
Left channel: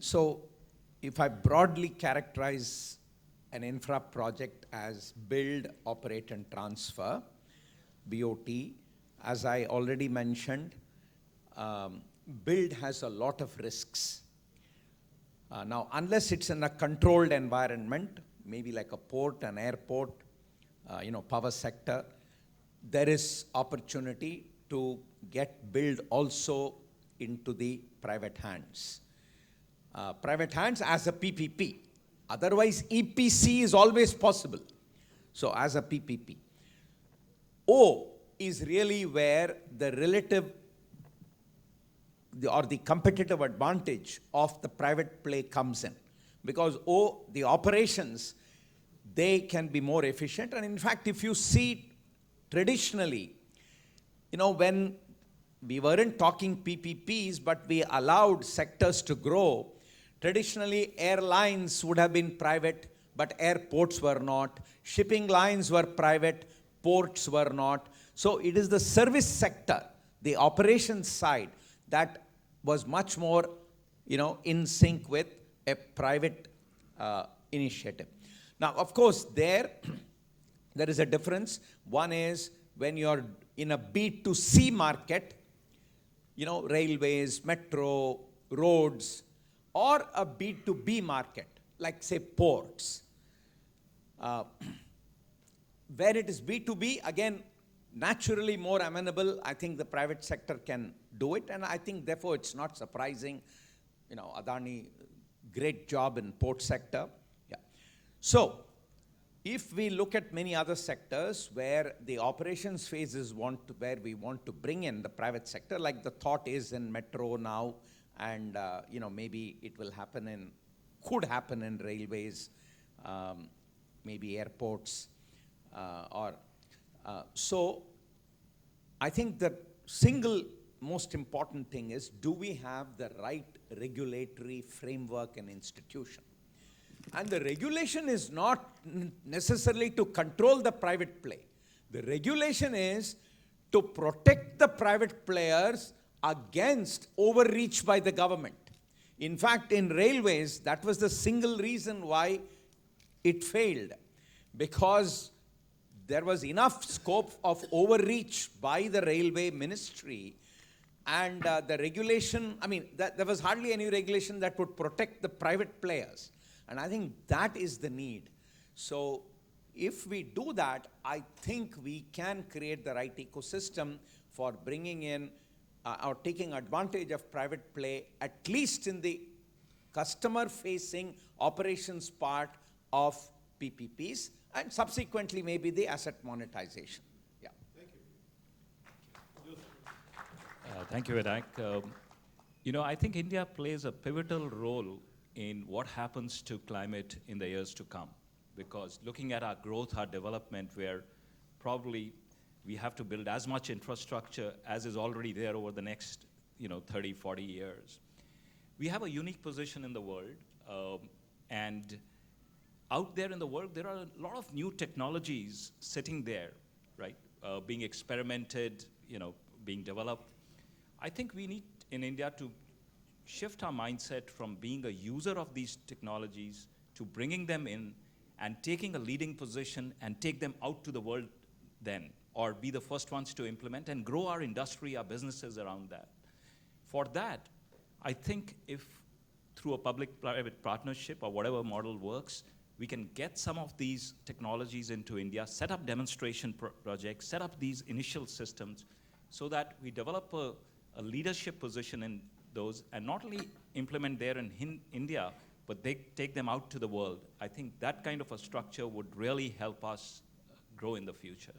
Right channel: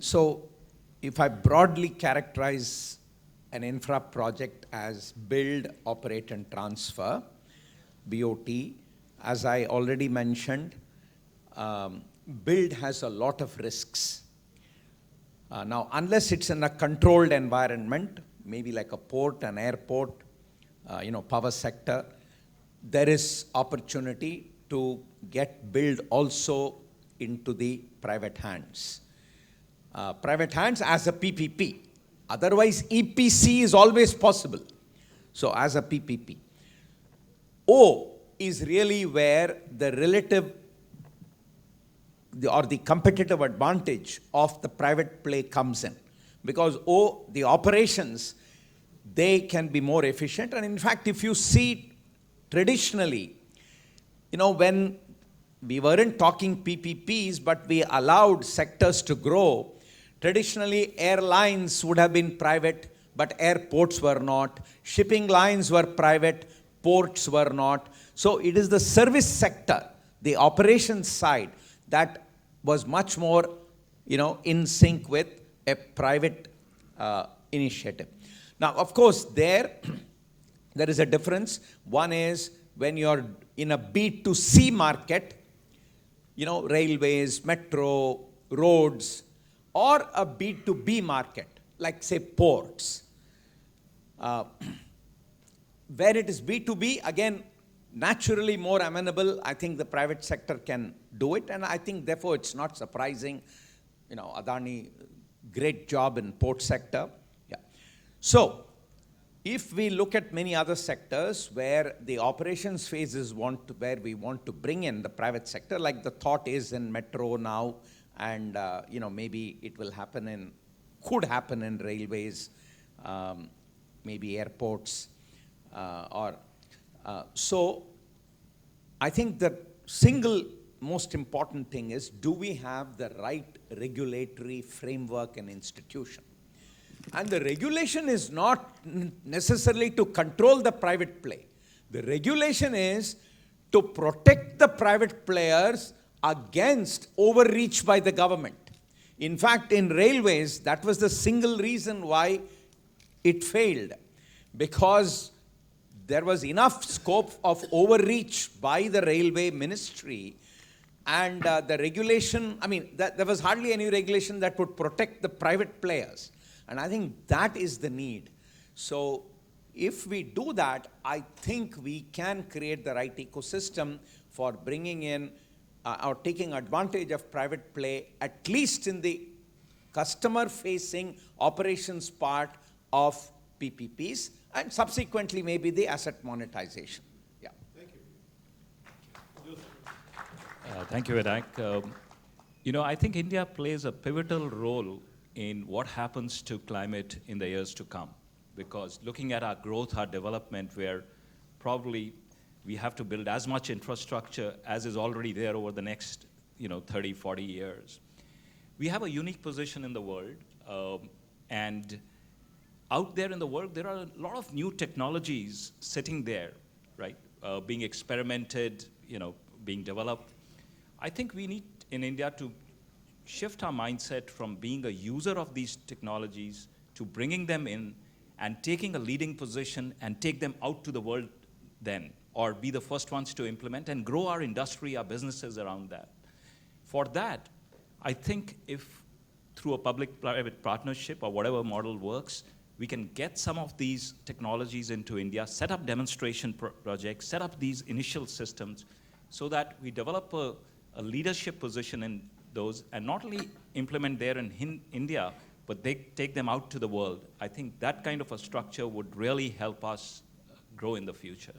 so if I broadly characterize an infra project as build, operate, and transfer, BOT, as I already mentioned, build has a lot of risks. Now, unless it's in a controlled environment, maybe like a port, an airport, power sector, there is opportunity to get build also into the private hands. Private hands as a PPP. Otherwise, EPC is always possible. So as a PPP. O is really where the relative or the competitive advantage of the private play comes in. Because the operations, they can be more efficient. And in fact, if you see traditionally, when we weren't talking PPPs, but we allowed sectors to grow, traditionally airlines would have been private, but airports were not. Shipping lines were private, ports were not. So it is the service sector, the operations side, that was much more, in sync with a private initiative. Now, of course, there is a difference. One is when you're in a B2C market, railways, metro, roads, or a B2B market, like say ports. Where it is B2B, again, naturally more amenable, I think the private sector can do it, and I think therefore it's not surprising, Adani, great job in port sector. Yeah. So, if we look at many other sectors where the operations phase is where we want to bring in the private sector, like the thought is in metro now, and maybe it will happen could happen in railways, maybe airports, so I think the single most important thing is, do we have the right regulatory framework and institution? And the regulation is not necessarily to control the private play. The regulation is to protect the private players against overreach by the government. In fact, in railways, that was the single reason why it failed, because there was enough scope of overreach by the railway ministry, and the regulation, I mean, there was hardly any regulation that would protect the private players. And I think that is the need. So if we do that, I think we can create the right ecosystem for bringing in or taking advantage of private play, at least in the customer-facing operations part of PPPs, and subsequently maybe the asset monetization. Yeah. Thank you, Vinayak. I think India plays a pivotal role in what happens to climate in the years to come, because looking at our growth, our development, where probably we have to build as much infrastructure as is already there over the next 30, 40 years. We have a unique position in the world, and out there in the world, there are a lot of new technologies sitting there, right, being experimented, being developed. I think we need in India to shift our mindset from being a user of these technologies to bringing them in and taking a leading position and take them out to the world then, or be the first ones to implement and grow our industry, our businesses around that. For that, I think if through a public-private partnership or whatever model works, we can get some of these technologies into India, set up demonstration projects, set up these initial systems so that we develop a leadership position in those and not only implement there in India, but they take them out to the world. I think that kind of a structure would really help us grow in the future.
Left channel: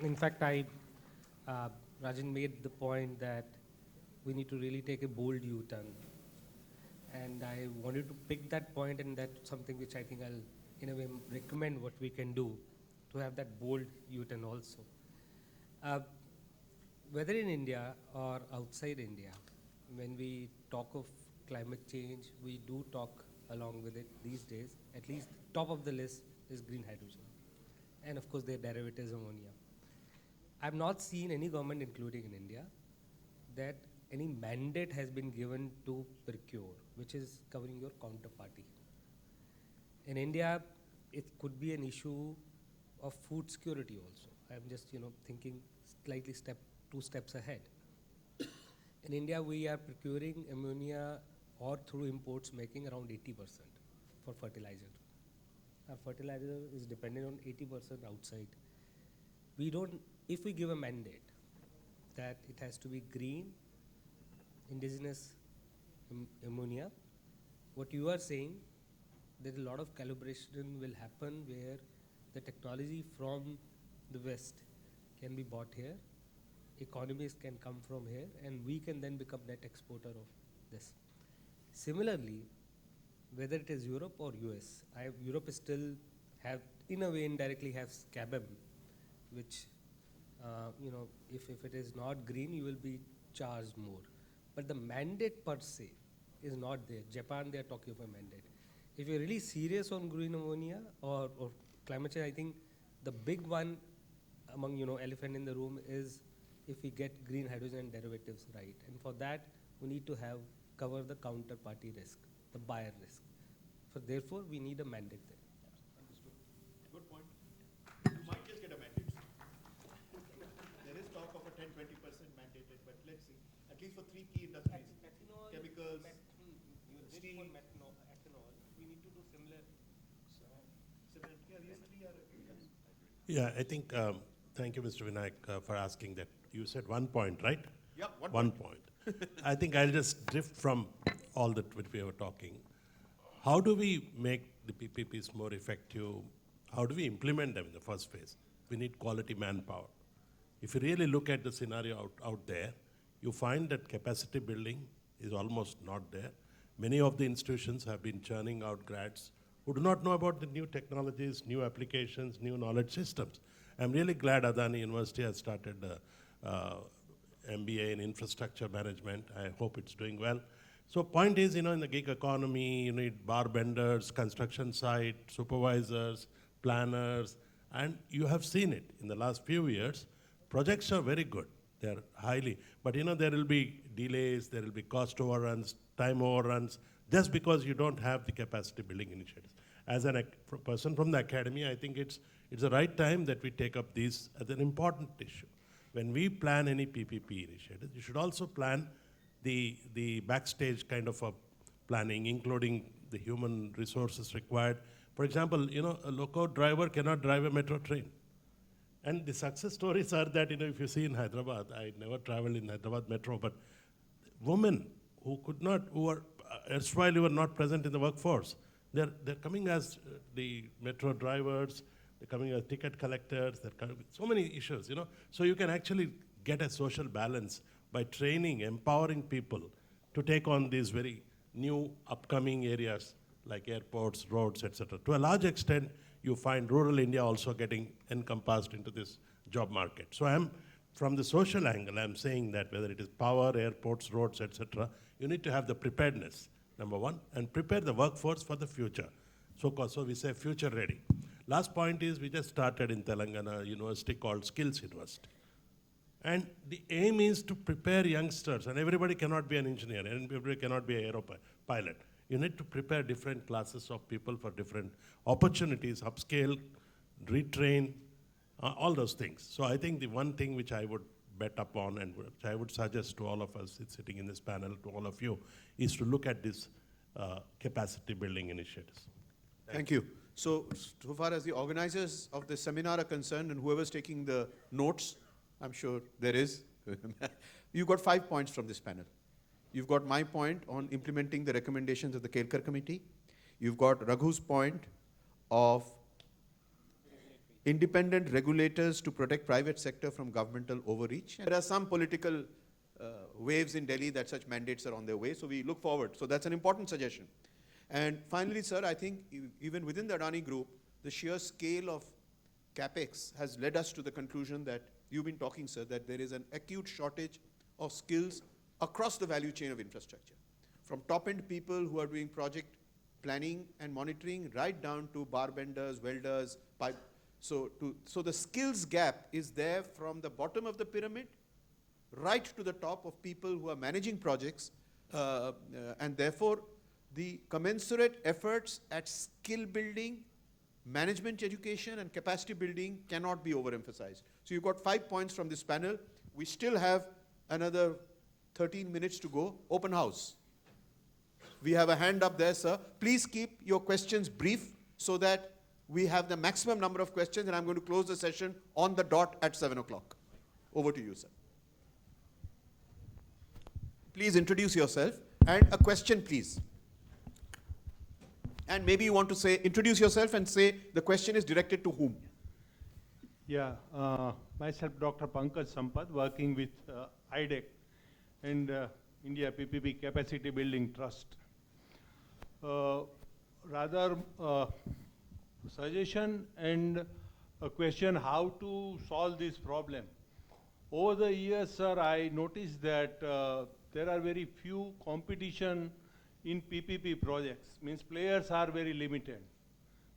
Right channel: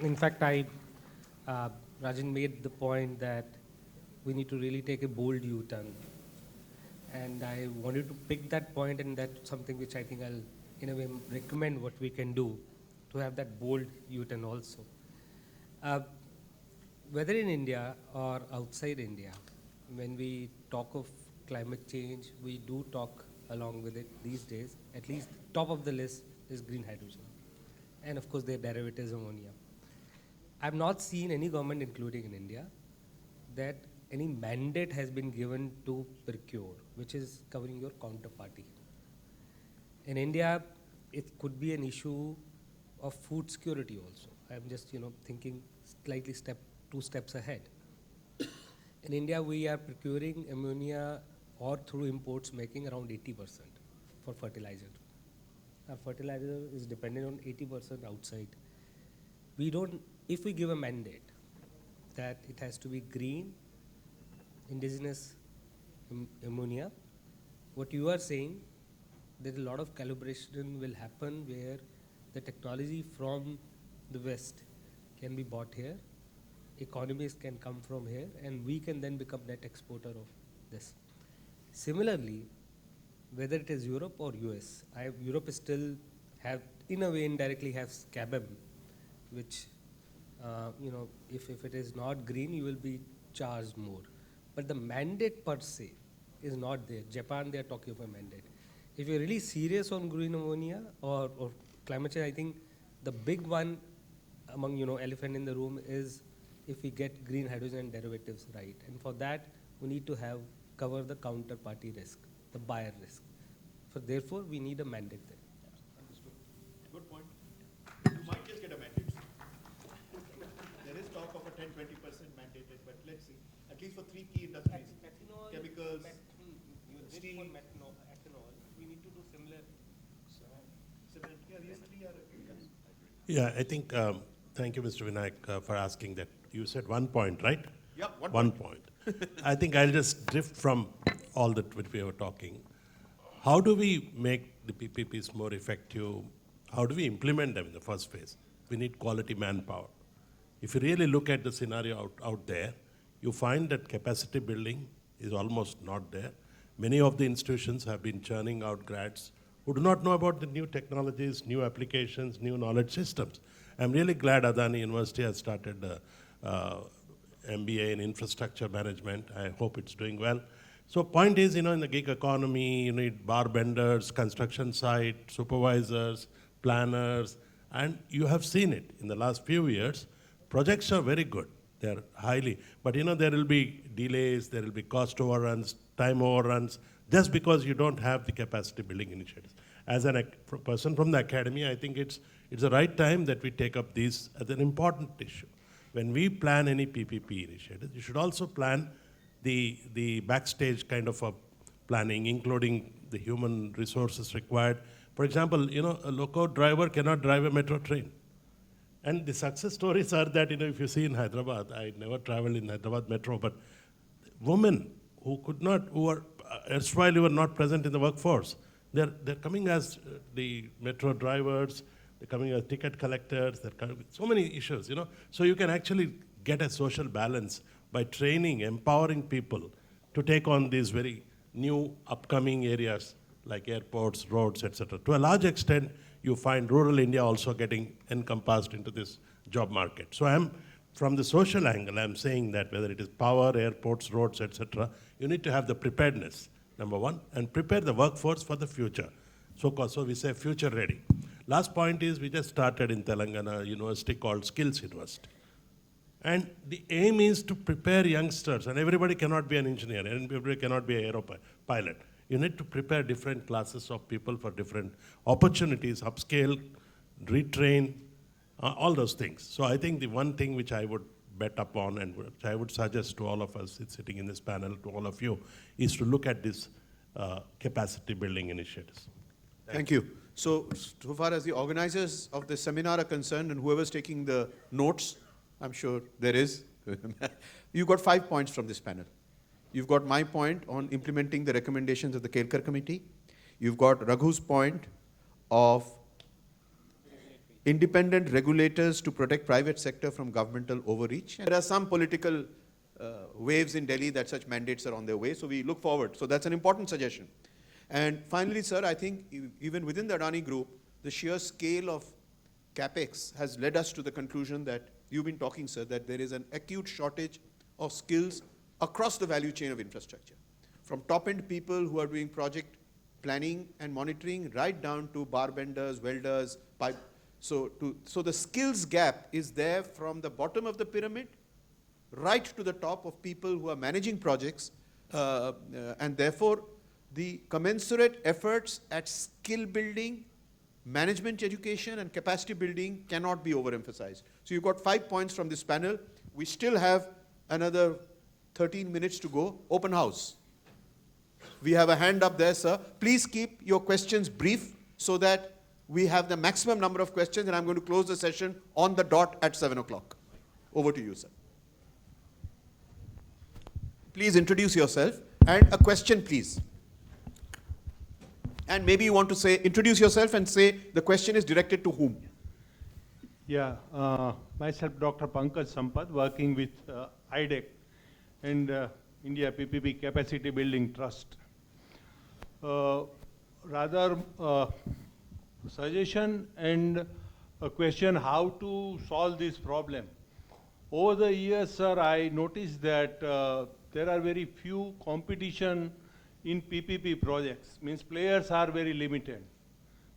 In fact, Rajan made the point that we need to really take a bold U-turn. And I wanted to pick that point, and that's something which I think I'll, in a way, recommend what we can do to have that bold U-turn also. Whether in India or outside India, when we talk of climate change, we do talk along with it these days. At least top of the list is green hydrogen. And of course, their derivatives ammonia. I've not seen any government, including in India, that any mandate has been given to procure, which is covering your counterparty. In India, it could be an issue of food security also. I'm just, thinking slightly two steps ahead. In India, we are procuring ammonia or through imports making around 80% for fertilizer. Our fertilizer is dependent on 80% outside. If we give a mandate that it has to be green, indigenous ammonia, what you are saying, that a lot of calibration will happen where the technology from the West can be bought here, economies can come from here, and we can then become net exporter of this. Similarly, whether it is Europe or US, Europe is still in a way indirectly has CABM, which, if it is not green, you will be charged more. But the mandate per se is not there. Japan, they are talking of a mandate. If you're really serious on green ammonia or climate change, I think the big one among, elephant in the room is if we get green hydrogen and derivatives right. And for that, we need to cover the counterparty risk, the buyer risk. Therefore, we need a mandate there. Understood. Good point. You might just get a mandate. There is talk of a 10-20% mandated, but let's see. At least for three key industries, Ethanol, chemicals, steel, ethanol, we need to do similar. Yeah, I think, thank you, Mr. Vinayak, for asking that. You said 1 point, right? Yeah, one point. I think I'll just drift from all that which we were talking. How do we make the PPPs more effective? How do we implement them in the first phase? We need quality manpower. If you really look at the scenario out there, you find that capacity building is almost not there. Many of the institutions have been churning out grads who do not know about the new technologies, new applications, new knowledge systems. I'm really glad Adani University has started MBA in infrastructure management. I hope it's doing well. So point is, in the gig economy, you need bar benders, construction site, supervisors, planners, and you have seen it in the last few years. Projects are very good. They're highly, but there will be delays, there will be cost overruns, time overruns, just because you don't have the capacity building initiatives. As a person from the academy, I think it's the right time that we take up these as an important issue. When we plan any PPP initiative, you should also plan the backstage kind of a planning, including the human resources required. For example, a loco driver cannot drive a metro train. And the success stories are that, if you see in Hyderabad, I never traveled in Hyderabad metro, but women who were erstwhile were not present in the workforce, they're coming as the metro drivers, they're coming as ticket collectors, so many issues, So you can actually get a social balance by training, empowering people to take on these very new upcoming areas like airports, roads, etc. To a large extent, you find rural India also getting encompassed into this job market. So from the social angle, I'm saying that whether it is power, airports, roads, etc., you need to have the preparedness, number one, and prepare the workforce for the future. So we say future ready. Last point is we just started in Telangana a university called Skills University. And the aim is to prepare youngsters, and everybody cannot be an engineer, and everybody cannot be an pilot. You need to prepare different classes of people for different opportunities, upscale, retrain, all those things. So I think the one thing which I would bet upon and which I would suggest to all of us sitting in this panel, to all of you, is to look at these capacity building initiatives. Thank you. So far as the organizers of this seminar are concerned, and whoever's taking the notes, I'm sure there is, you got 5 points from this panel. You've got my point on implementing the recommendations of the Kelkar committee. You've got Raghu's point of independent regulators to protect private sector from governmental overreach. And there are some political waves in Delhi that such mandates are on their way, so we look forward. So that's an important suggestion. And finally, sir, I think even within the Adani group, the sheer scale of capex has led us to the conclusion that you've been talking, sir, that there is an acute shortage of skills across the value chain of infrastructure. From top-end people who are doing project planning and monitoring, right down to bar benders, welders, pipe. So the skills gap is there from the bottom of the pyramid right to the top of people who are managing projects, and therefore the commensurate efforts at skill building, management education, and capacity building cannot be overemphasized. So you've got 5 points from this panel. We still have another 13 minutes to go. Open house. We have a hand up there, sir. Please keep your questions brief so that we have the maximum number of questions, and I'm going to close the session on the dot at 7 o'clock. Over to you, sir. Please introduce yourself, and a question, please. And maybe you want to say, introduce yourself and say the question is directed to whom? Yeah, myself, Dr. Pankaj Sampath, working with IDEC and India PPP Capacity Building Trust. Rather, suggestion and a question how to solve this problem. Over the years, sir, I noticed that there are very few competition in PPP projects. Means players are very limited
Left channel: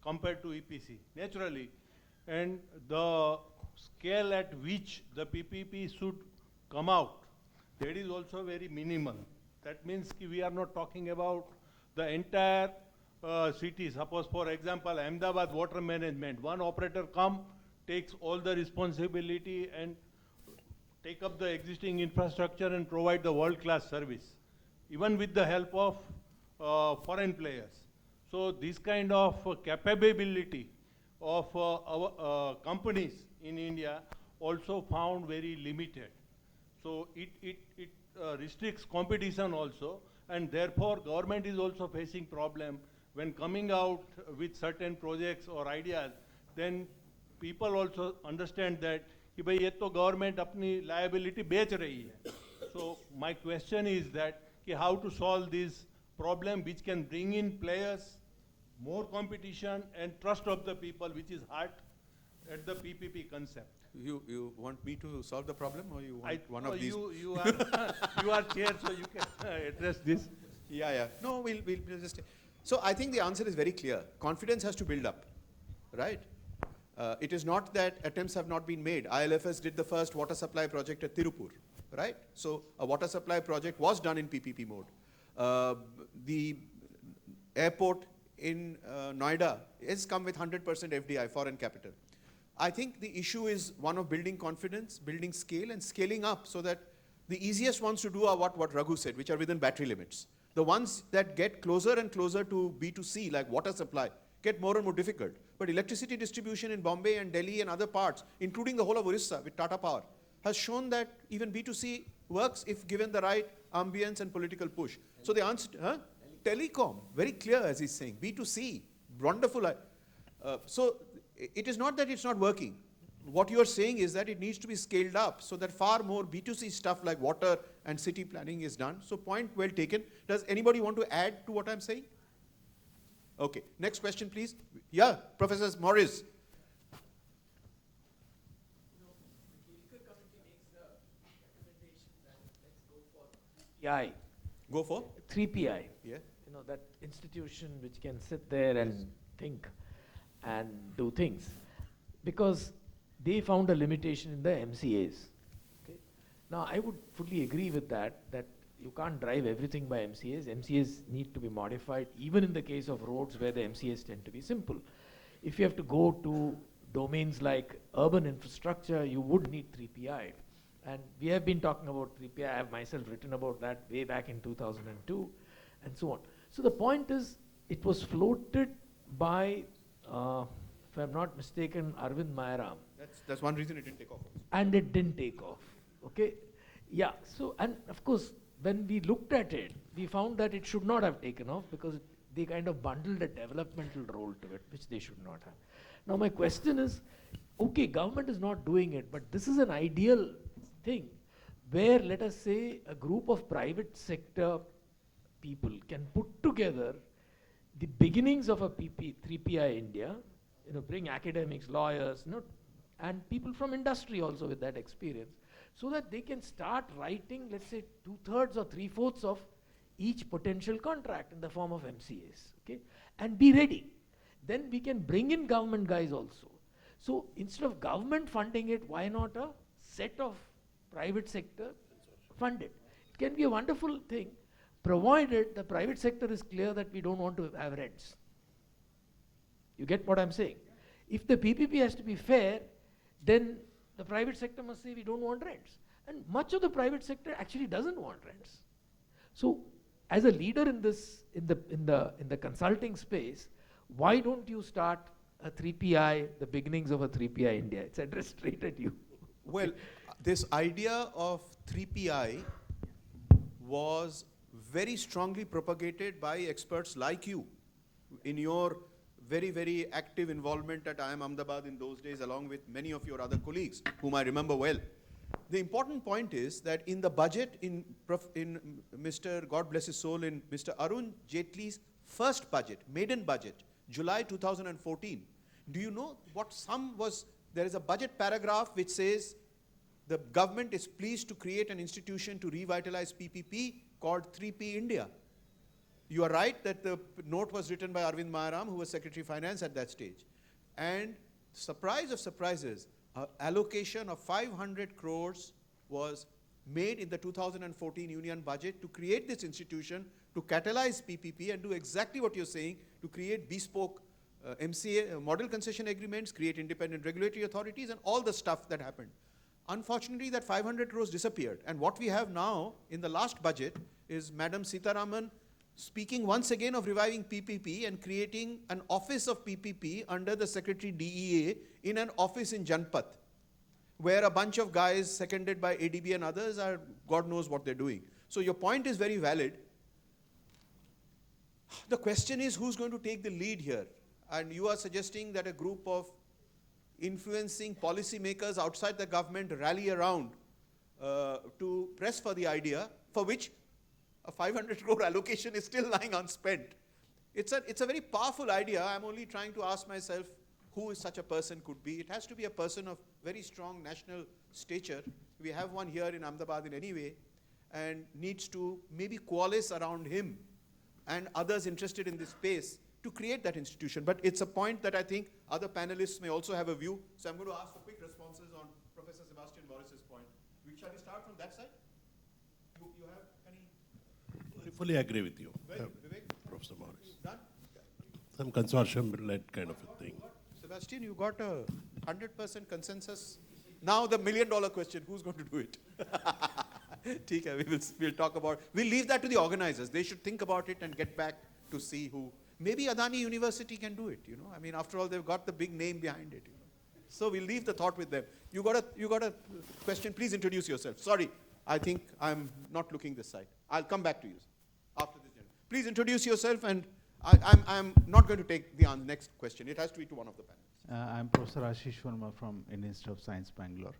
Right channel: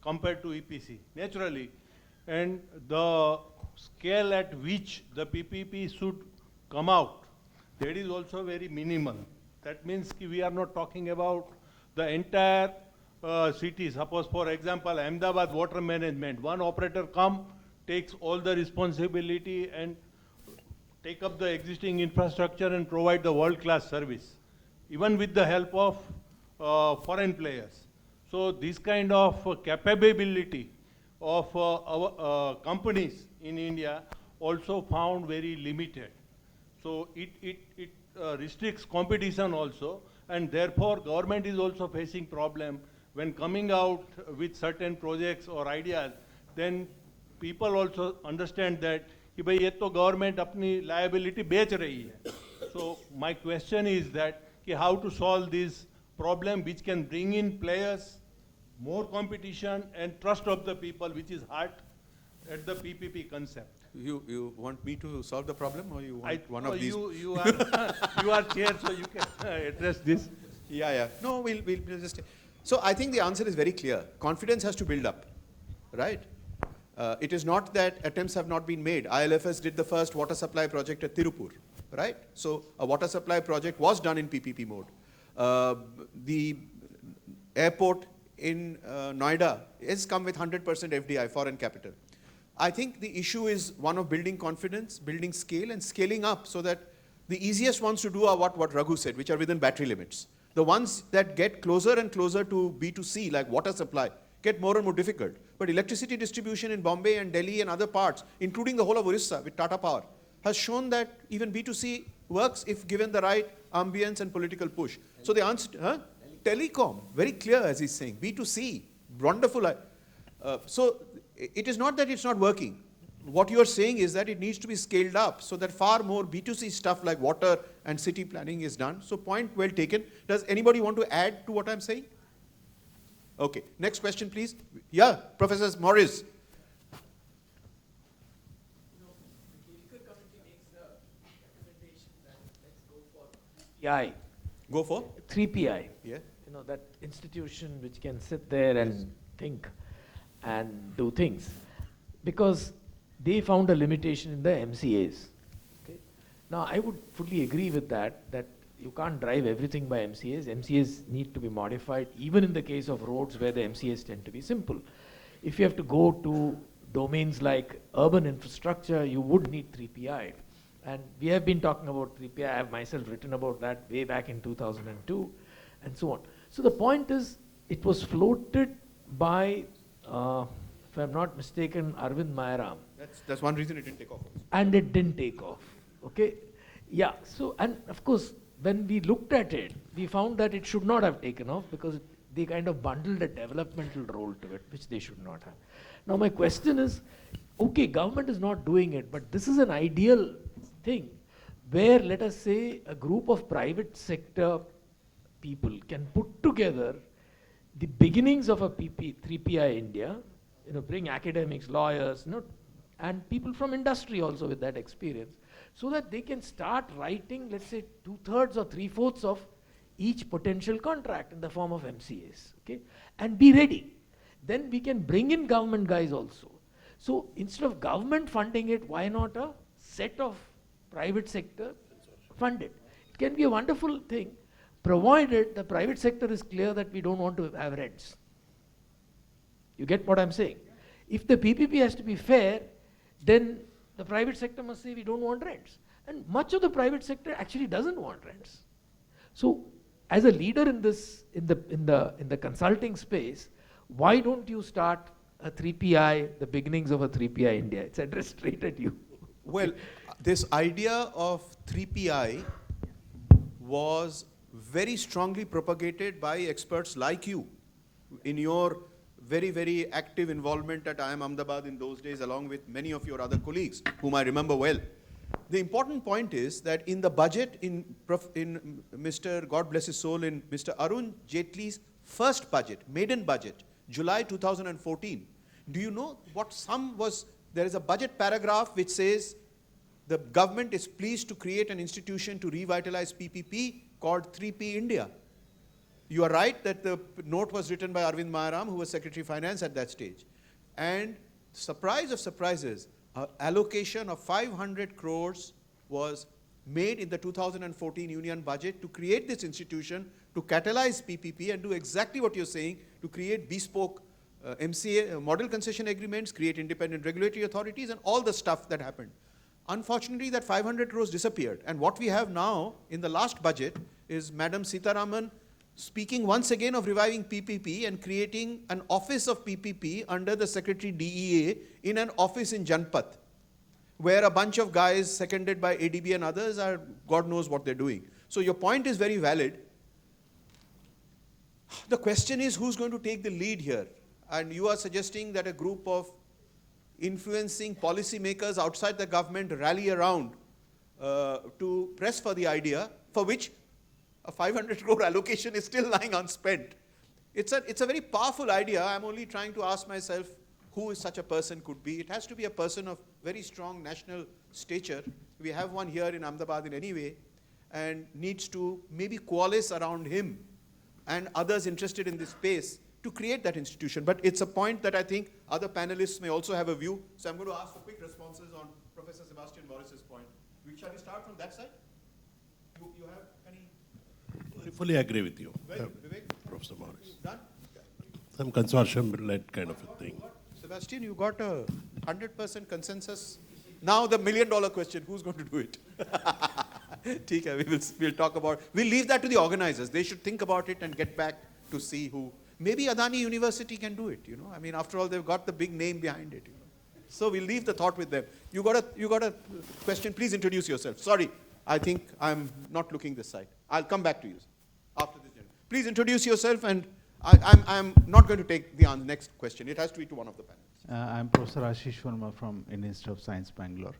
compared to EPC, naturally. And the scale at which the PPP should come out, that is also very minimal. That means we are not talking about the entire city. Suppose, for example, Ahmedabad water management, one operator takes all the responsibility and take up the existing infrastructure and provide the world-class service, even with the help of foreign players. So this kind of capability of our companies in India also found very limited. So it restricts competition also, and therefore government is also facing problem when coming out with certain projects or ideas. Then people also understand that कि भाई ये तो government अपनी liability बेच रही है. So my question is that कि how to solve this problem which can bring in players, more competition and trust of the people, which is hard at the PPP concept. You want me to solve the problem, or you want one of these? You are chair, so you can address this. Yeah. No, we'll just. So I think the answer is very clear. Confidence has to build up, right? It is not that attempts have not been made. ILFS did the first water supply project at Tirupur, right? So a water supply project was done in PPP mode. The airport in Noida has come with 100% FDI, foreign capital. I think the issue is one of building confidence, building scale, and scaling up so that the easiest ones to do are what Raghu said, which are within battery limits. The ones that get closer and closer to B2C, like water supply, get more and more difficult. But electricity distribution in Bombay and Delhi and other parts, including the whole of Orissa with Tata Power, has shown that even B2C works if given the right ambience and political push. So the answer, telecom, very clear as he's saying, B2C, wonderful. So it is not that it's not working. What you are saying is that it needs to be scaled up so that far more B2C stuff like water and city planning is done. So point well taken. Does anybody want to add to what I'm saying? Okay, next question please. Yeah, Professor Morris. PI. Go for? 3PI. Yeah. You know, that institution which can sit there and think and do things. Because they found a limitation in the MCAs. Okay? Now, I would fully agree with that you can't drive everything by MCAs. MCAs need to be modified, even in the case of roads where the MCAs tend to be simple. If you have to go to domains like urban infrastructure, you would need 3PI. And we have been talking about 3PI. I have myself written about that way back in 2002 and so on. So the point is, it was floated by, if I'm not mistaken, Arvind Mayaram. That's one reason it didn't take off. And it didn't take off. Okay? Yeah, so, and of course, when we looked at it, we found that it should not have taken off because they kind of bundled a developmental role to it, which they should not have. Now my question is, okay, government is not doing it, but this is an ideal thing where, let us say, a group of private sector people can put together the beginnings of a 3PI India, bring academics, lawyers, and people from industry also with that experience, so that they can start writing, let's say, 2/3 or 3/4 of each potential contract in the form of MCAs, okay? And be ready. Then we can bring in government guys also. So instead of government funding it, why not a set of private sector fund it? It can be a wonderful thing, provided the private sector is clear that we don't want to have rents. You get what I'm saying? If the PPP has to be fair, then the private sector must say we don't want rents. And much of the private sector actually doesn't want rents. So as a leader in this, in the consulting space, why don't you start a 3PI, the beginnings of a 3PI India? It's addressed straight at you. Well, this idea of 3PI was very strongly propagated by experts like you in your very, very active involvement at IIM Ahmedabad in those days, along with many of your other colleagues, whom I remember well. The important point is that in the budget, in Mr. God bless his soul, in Mr. Arun Jaitley's first budget, maiden budget, July 2014, do you know what sum was? There is a budget paragraph which says the government is pleased to create an institution to revitalize PPP called 3P India. You are right that the note was written by Arvind Mayaram, who was Secretary of Finance at that stage. And surprise of surprises, allocation of 500 crores was made in the 2014 union budget to create this institution, to catalyze PPP and do exactly what you're saying, to create bespoke MCA, model concession agreements, create independent regulatory authorities, and all the stuff that happened. Unfortunately, that 500 crores disappeared. And what we have now in the last budget is Madam Sitaraman speaking once again of reviving PPP and creating an office of PPP under the Secretary DEA in an office in Janpat, where a bunch of guys seconded by ADB and others are, God knows what they're doing. So your point is very valid. The question is who's going to take the lead here? And you are suggesting that a group of influencing policymakers outside the government rally around to press for the idea, for which a 500 crore allocation is still lying unspent. It's a very powerful idea. I'm only trying to ask myself who such a person could be. It has to be a person of very strong national stature. We have one here in Ahmedabad in any way, and needs to maybe coalesce around him and others interested in this space to create that institution. But it's a point that I think other panelists may also have a view. So I'm going to ask for quick responses on Professor Sebastian Morris's point. Shall we start from that side? You have any? I fully agree with you, Very good. Vivek? Professor Morris. Done? Some consortium-led kind of a thing. Sebastian, you got a 100% consensus. Now the million-dollar question, who's going to do it? We'll talk about, we'll leave that to the organizers. They should think about it and get back to see who. Maybe Adani University can do it, you know. I mean, after all, they've got the big name behind it, you know. So we'll leave the thought with them. You got a question, please introduce yourself. Sorry, I think I'm not looking this side. I'll come back to you after this. Please introduce yourself, and I'm not going to take the next question. It has to be to one of the panelists. I'm Professor Ashish Verma from Indian Institute of Science, Bangalore.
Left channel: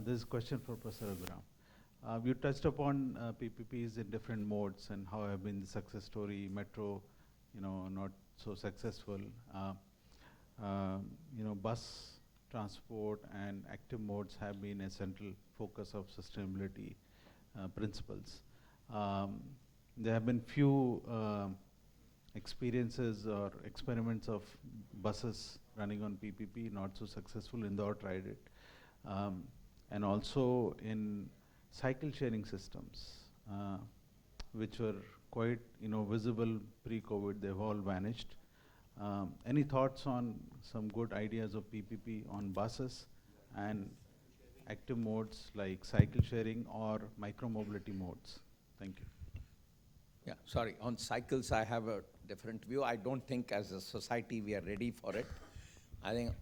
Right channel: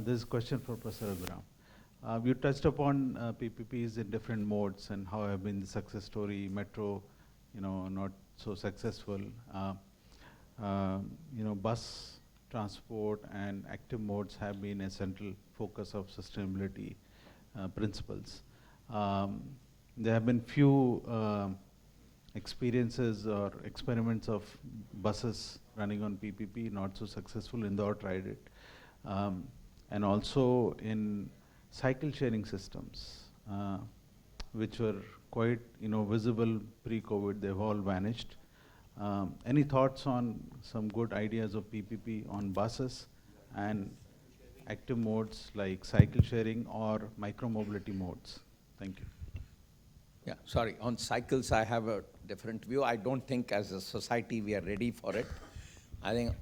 This is a question for Professor Raghuram. You touched upon PPPs in different modes and how have been the success story, metro, not so successful. Bus transport and active modes have been a central focus of sustainability principles. There have been few experiences or experiments of buses running on PPP, not so successful. Indore tried it. And also in cycle sharing systems, which were quite visible pre-COVID, they've all vanished. Any thoughts on some good ideas of PPP on buses and active modes like cycle sharing or micro-mobility modes? Thank you. Yeah, sorry, on cycles I have a different view. I don't think as a society we are ready for it. I think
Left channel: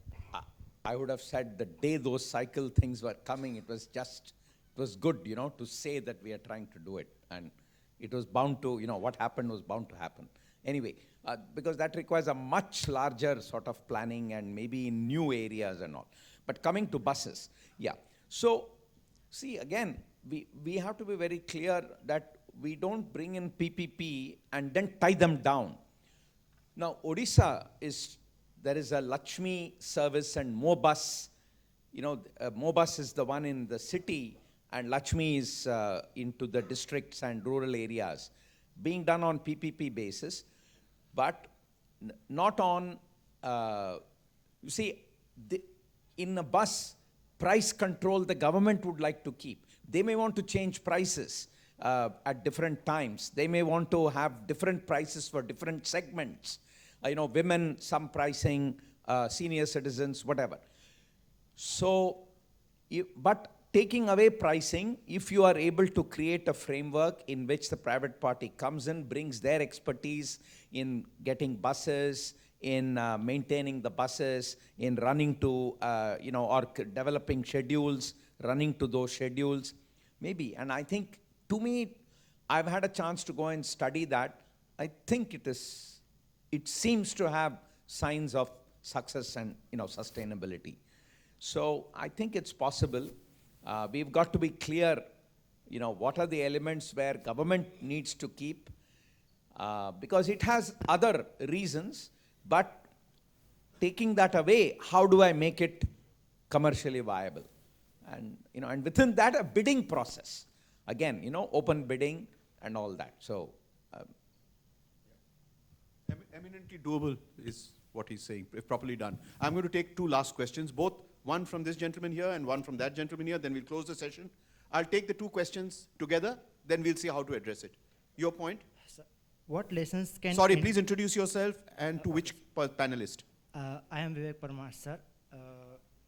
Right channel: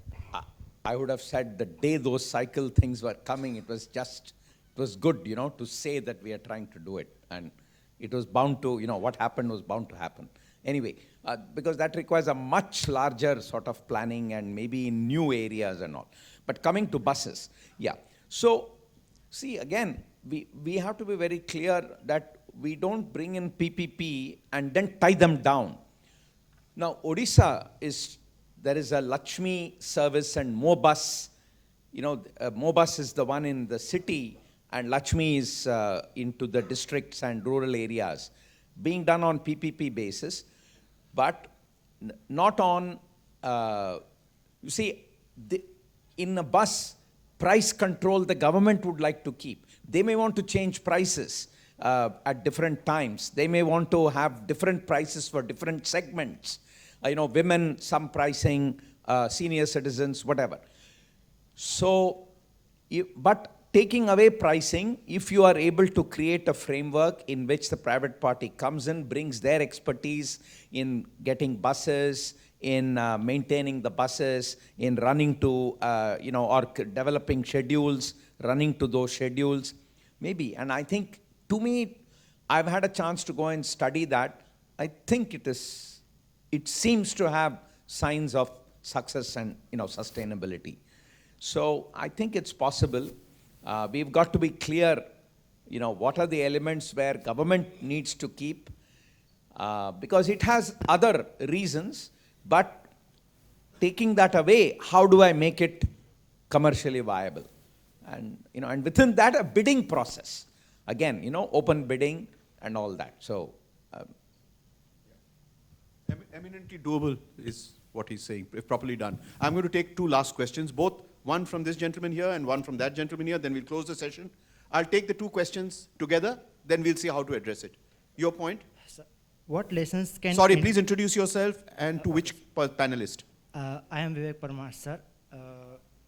I would have said the day those cycle things were coming, it was good, to say that we are trying to do it. And it was bound to, what happened was bound to happen. Anyway, because that requires a much larger sort of planning and maybe in new areas and all. But coming to buses, yeah. So, see, again, we have to be very clear that we don't bring in PPP and then tie them down. Now, Odisha there is a Lakshmi service and Mobus. Mobus is the one in the city and Lakshmi is into the districts and rural areas, being done on PPP basis, but not on, in a bus, price control the government would like to keep. They may want to change prices at different times. They may want to have different prices for different segments. Women, some pricing, senior citizens, whatever. So, but taking away pricing, if you are able to create a framework in which the private party comes in, brings their expertise in getting buses, in maintaining the buses, in running to, or developing schedules, running to those schedules, maybe. And I think, to me, I've had a chance to go and study that. I think it seems to have signs of success and, sustainability. So I think it's possible. We've got to be clear, what are the elements where government needs to keep, because it has other reasons, but taking that away, how do I make it commercially viable? And, and within that, a bidding process. Again, open bidding and all that. So, eminently doable is what he's saying, if properly done. I'm going to take two last questions, both one from this gentleman here and one from that gentleman here, then we'll close the session. I'll take the two questions together, then we'll see how to address it. Your point? Sir, what lessons can... Sorry, please introduce yourself and to which panelist. I am Vivek Parmar, sir,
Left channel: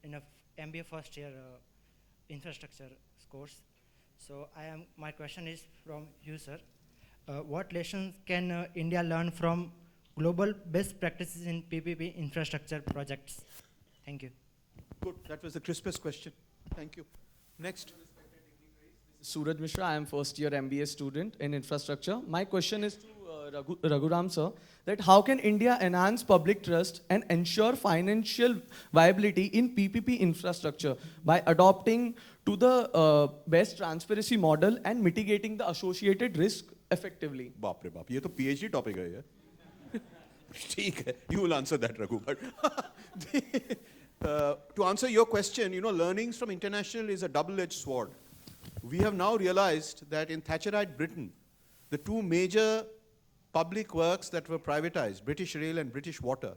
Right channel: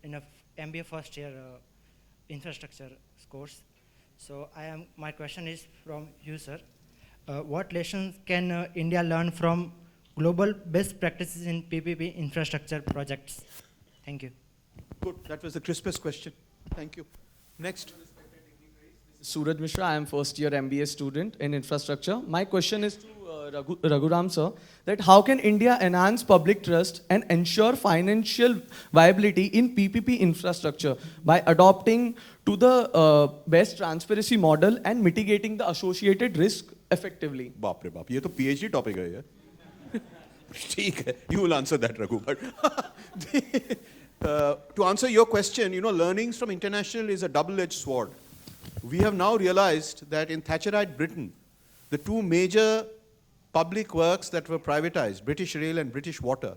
in a MBA first year infrastructure course. So my question is from you, sir. What lessons can India learn from global best practices in PPP infrastructure projects? Thank you. Good, that was the crispest question. Thank you. Next. Suraj Mishra, I am first year MBA student in infrastructure. My question is to Raghuram sir, that how can India enhance public trust and ensure financial viability in PPP infrastructure by adopting to the best transparency model and mitigating the associated risk effectively? Baap re baap, ye to PhD topic hai yaar. ठीक है, you will answer that, Raghu. But to answer your question, learnings from international is a double-edged sword. We have now realized that in Thatcherite Britain, the two major public works that were privatized, British Rail and British Water,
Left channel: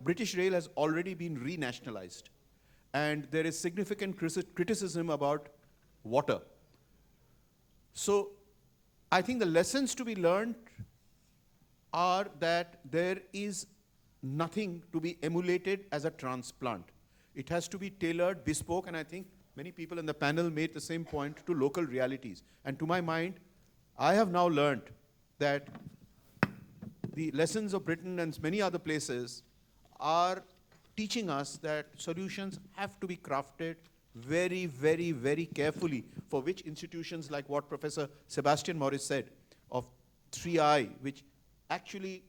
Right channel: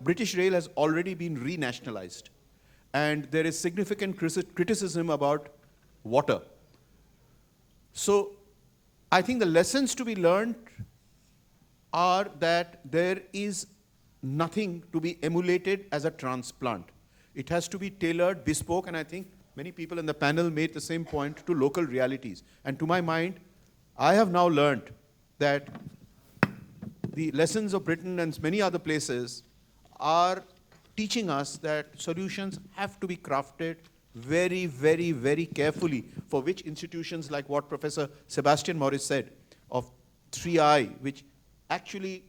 British Rail has already been renationalized. And there is significant criticism about water. So I think the lessons to be learned are that there is nothing to be emulated as a transplant. It has to be tailored, bespoke, and I think many people in the panel made the same point, to local realities. And to my mind, I have now learned that the lessons of Britain and many other places are teaching us that solutions have to be crafted very, very, very carefully, for which institutions like what Professor Sebastian Morris said of 3I, which actually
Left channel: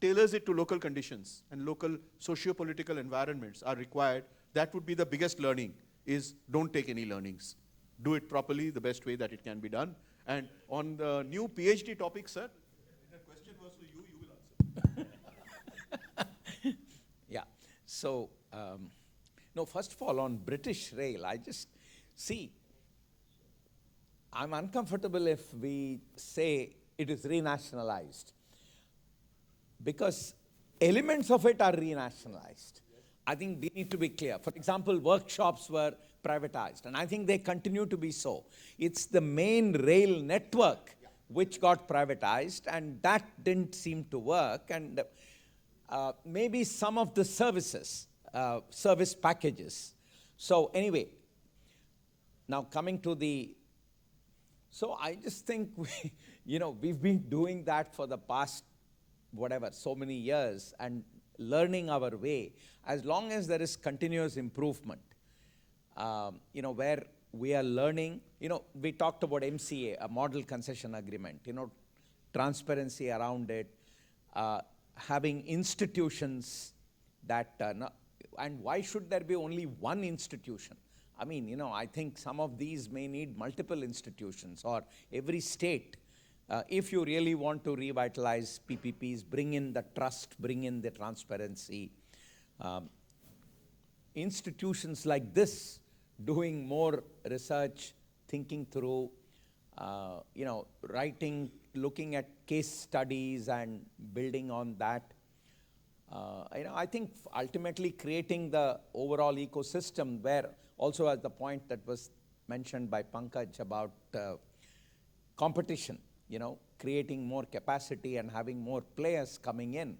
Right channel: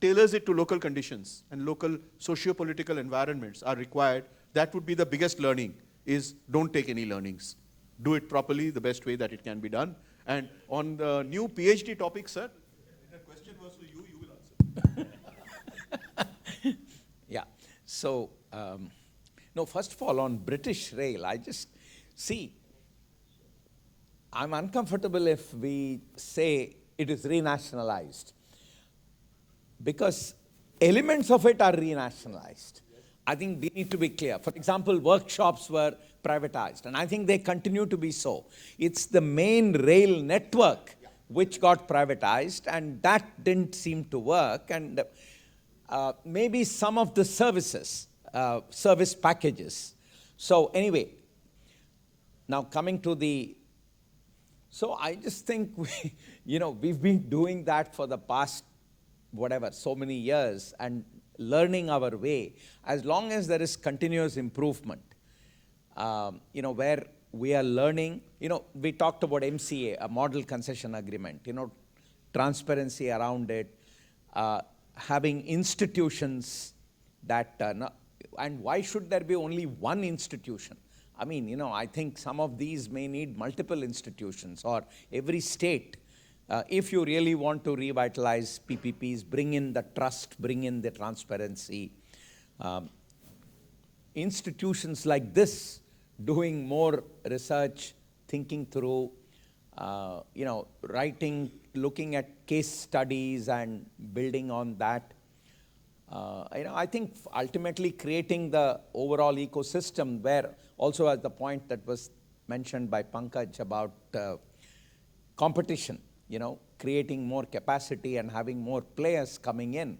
tailors it to local conditions and local socio-political environments are required. That would be the biggest learning, is don't take any learnings. Do it properly, the best way that it can be done. And on the new PhD topic, sir, the question was for you, you will answer. Yeah. So, no, first of all, on British Rail, I just see, I'm uncomfortable if we say it is renationalized, because elements of it are renationalized. I think we need to be clear. For example, workshops were privatized, and I think they continue to be so. It's the main rail network which got privatized, and that didn't seem to work. And maybe some of the services, service packages. So anyway, now coming to so I just think we've been doing that for the past, whatever, so many years, and learning our way. As long as there is continuous improvement, where we are learning, we talked about MCA, a model concession agreement, transparency around it, having institutions that, and why should there be only one institution? I mean, I think some of these may need multiple institutions, or every state. If you really want to revitalize PPPs, bring in the trust, bring in the transparency. Institutions like this, doing more research, thinking through, writing, looking at case studies and building on that. I think ultimately creating the overall ecosystem, where also at the point that was mentioned by Pankaj about competition, creating more capacity and having more players coming in.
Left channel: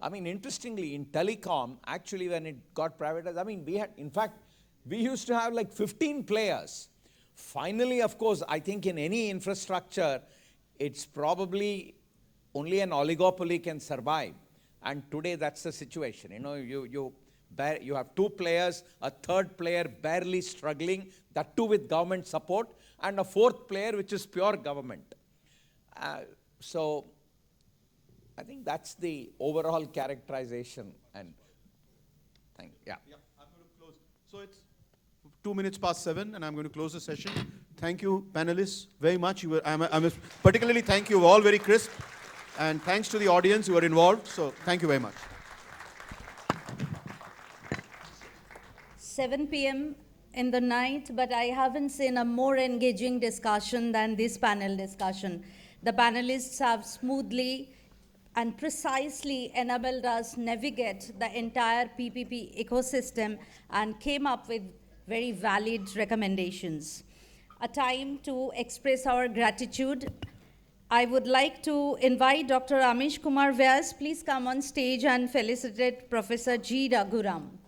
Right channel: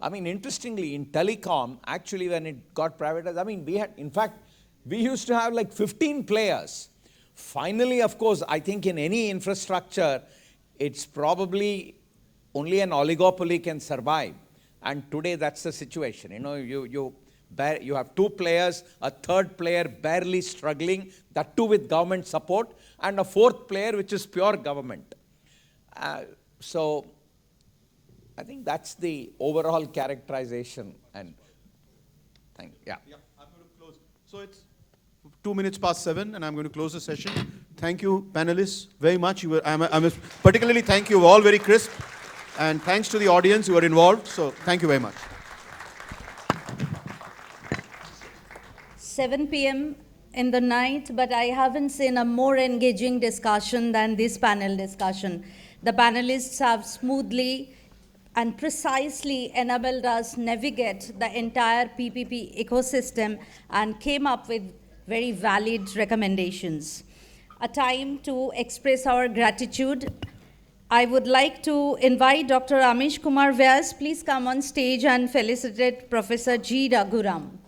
I mean, interestingly, in telecom, actually when it got privatized, I mean, we used to have like 15 players. Finally, of course, I think in any infrastructure, it's probably only an oligopoly can survive. And today that's the situation. You have two players, a third player barely struggling, that too with government support, and a fourth player which is pure government. So I think that's the overall characterization. And yeah. I'm going to close. So it's 2 minutes past 7, and I'm going to close the session. Thank you, panelists, very much. I'm particularly thank you all, very crisp. And thanks to the audience who were involved. So thank you very much. 7 p.m. in the night, but I haven't seen a more engaging discussion than this panel discussion. The panelists have smoothly and precisely enabled us navigate the entire PPP ecosystem and came up with very valid recommendations. A time to express our gratitude. I would like to invite Dr. Amish Kumar Vyas. Please come on stage and felicitate Professor G. Raghuram.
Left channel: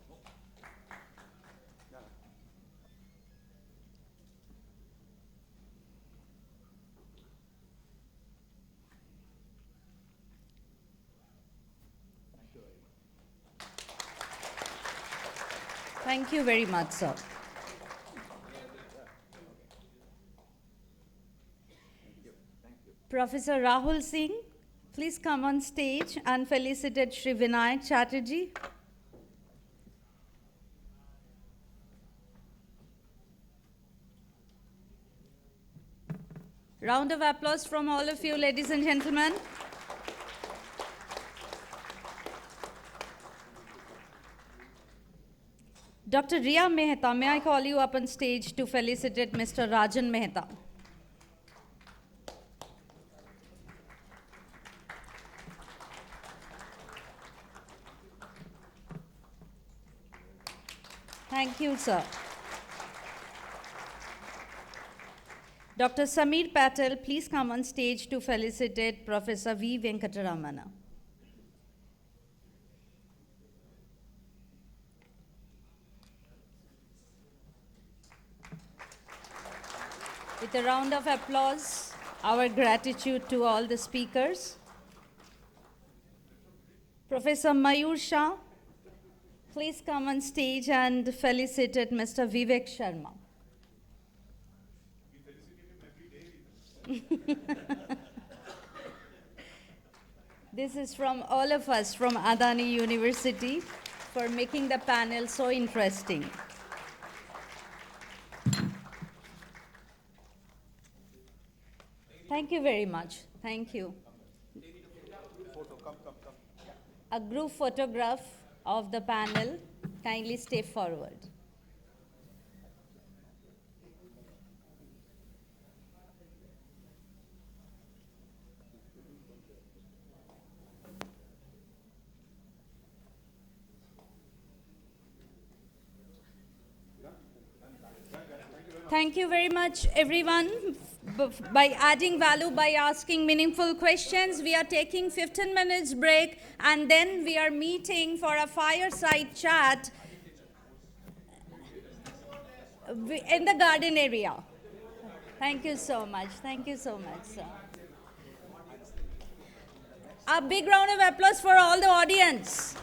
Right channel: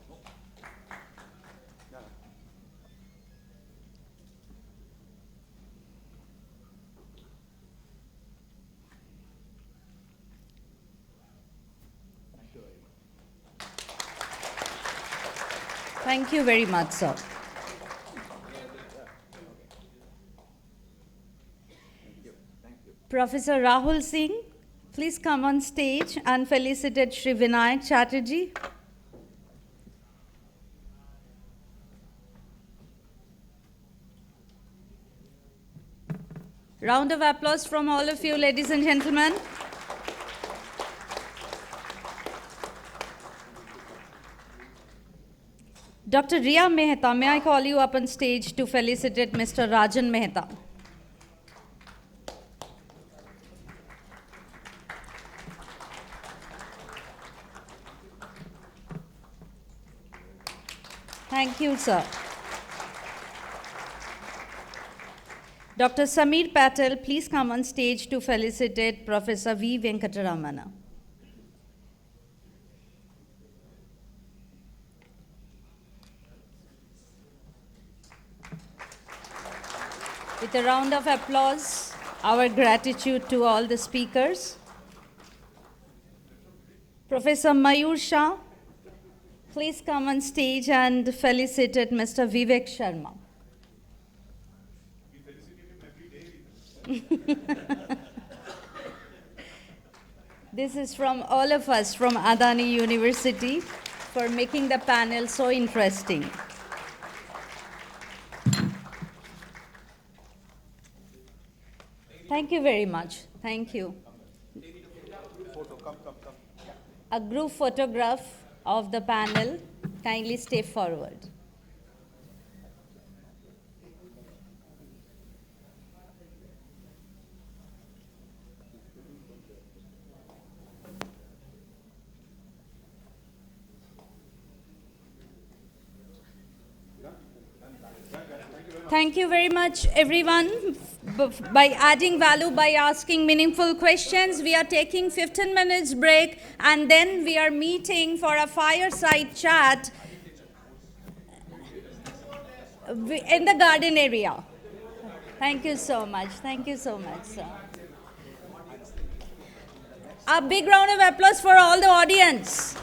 Thank you very much, sir. Professor Rahul Singh, please come on stage and felicitate Shri Vinayak Chatterjee. Round of applause from all of you, ladies and gentlemen. Dr. Riya Mehta, may I call you up on stage to felicitate Mr. Rajan Mehta? Thank you, sir. Dr. Samir Patel, please come on stage to felicitate Professor V. Venkataramana. With a round of applause, our gratitude to all the speakers. Professor Mayur Shah, please come on stage and felicitate Mr. Vivek Sharma. This is from all of us from Adani University for making the panel so interesting. Thank you very much. Thank you. A group photograph of the panel. Kindly stay forward. Thank you very much, everyone, by adding value, by asking meaningful questions. We are taking 15 minutes break, and then we are meeting for a fireside chat in the garden area. Thank you so much. Thank you so much, sir. A big round of applause for all the audience.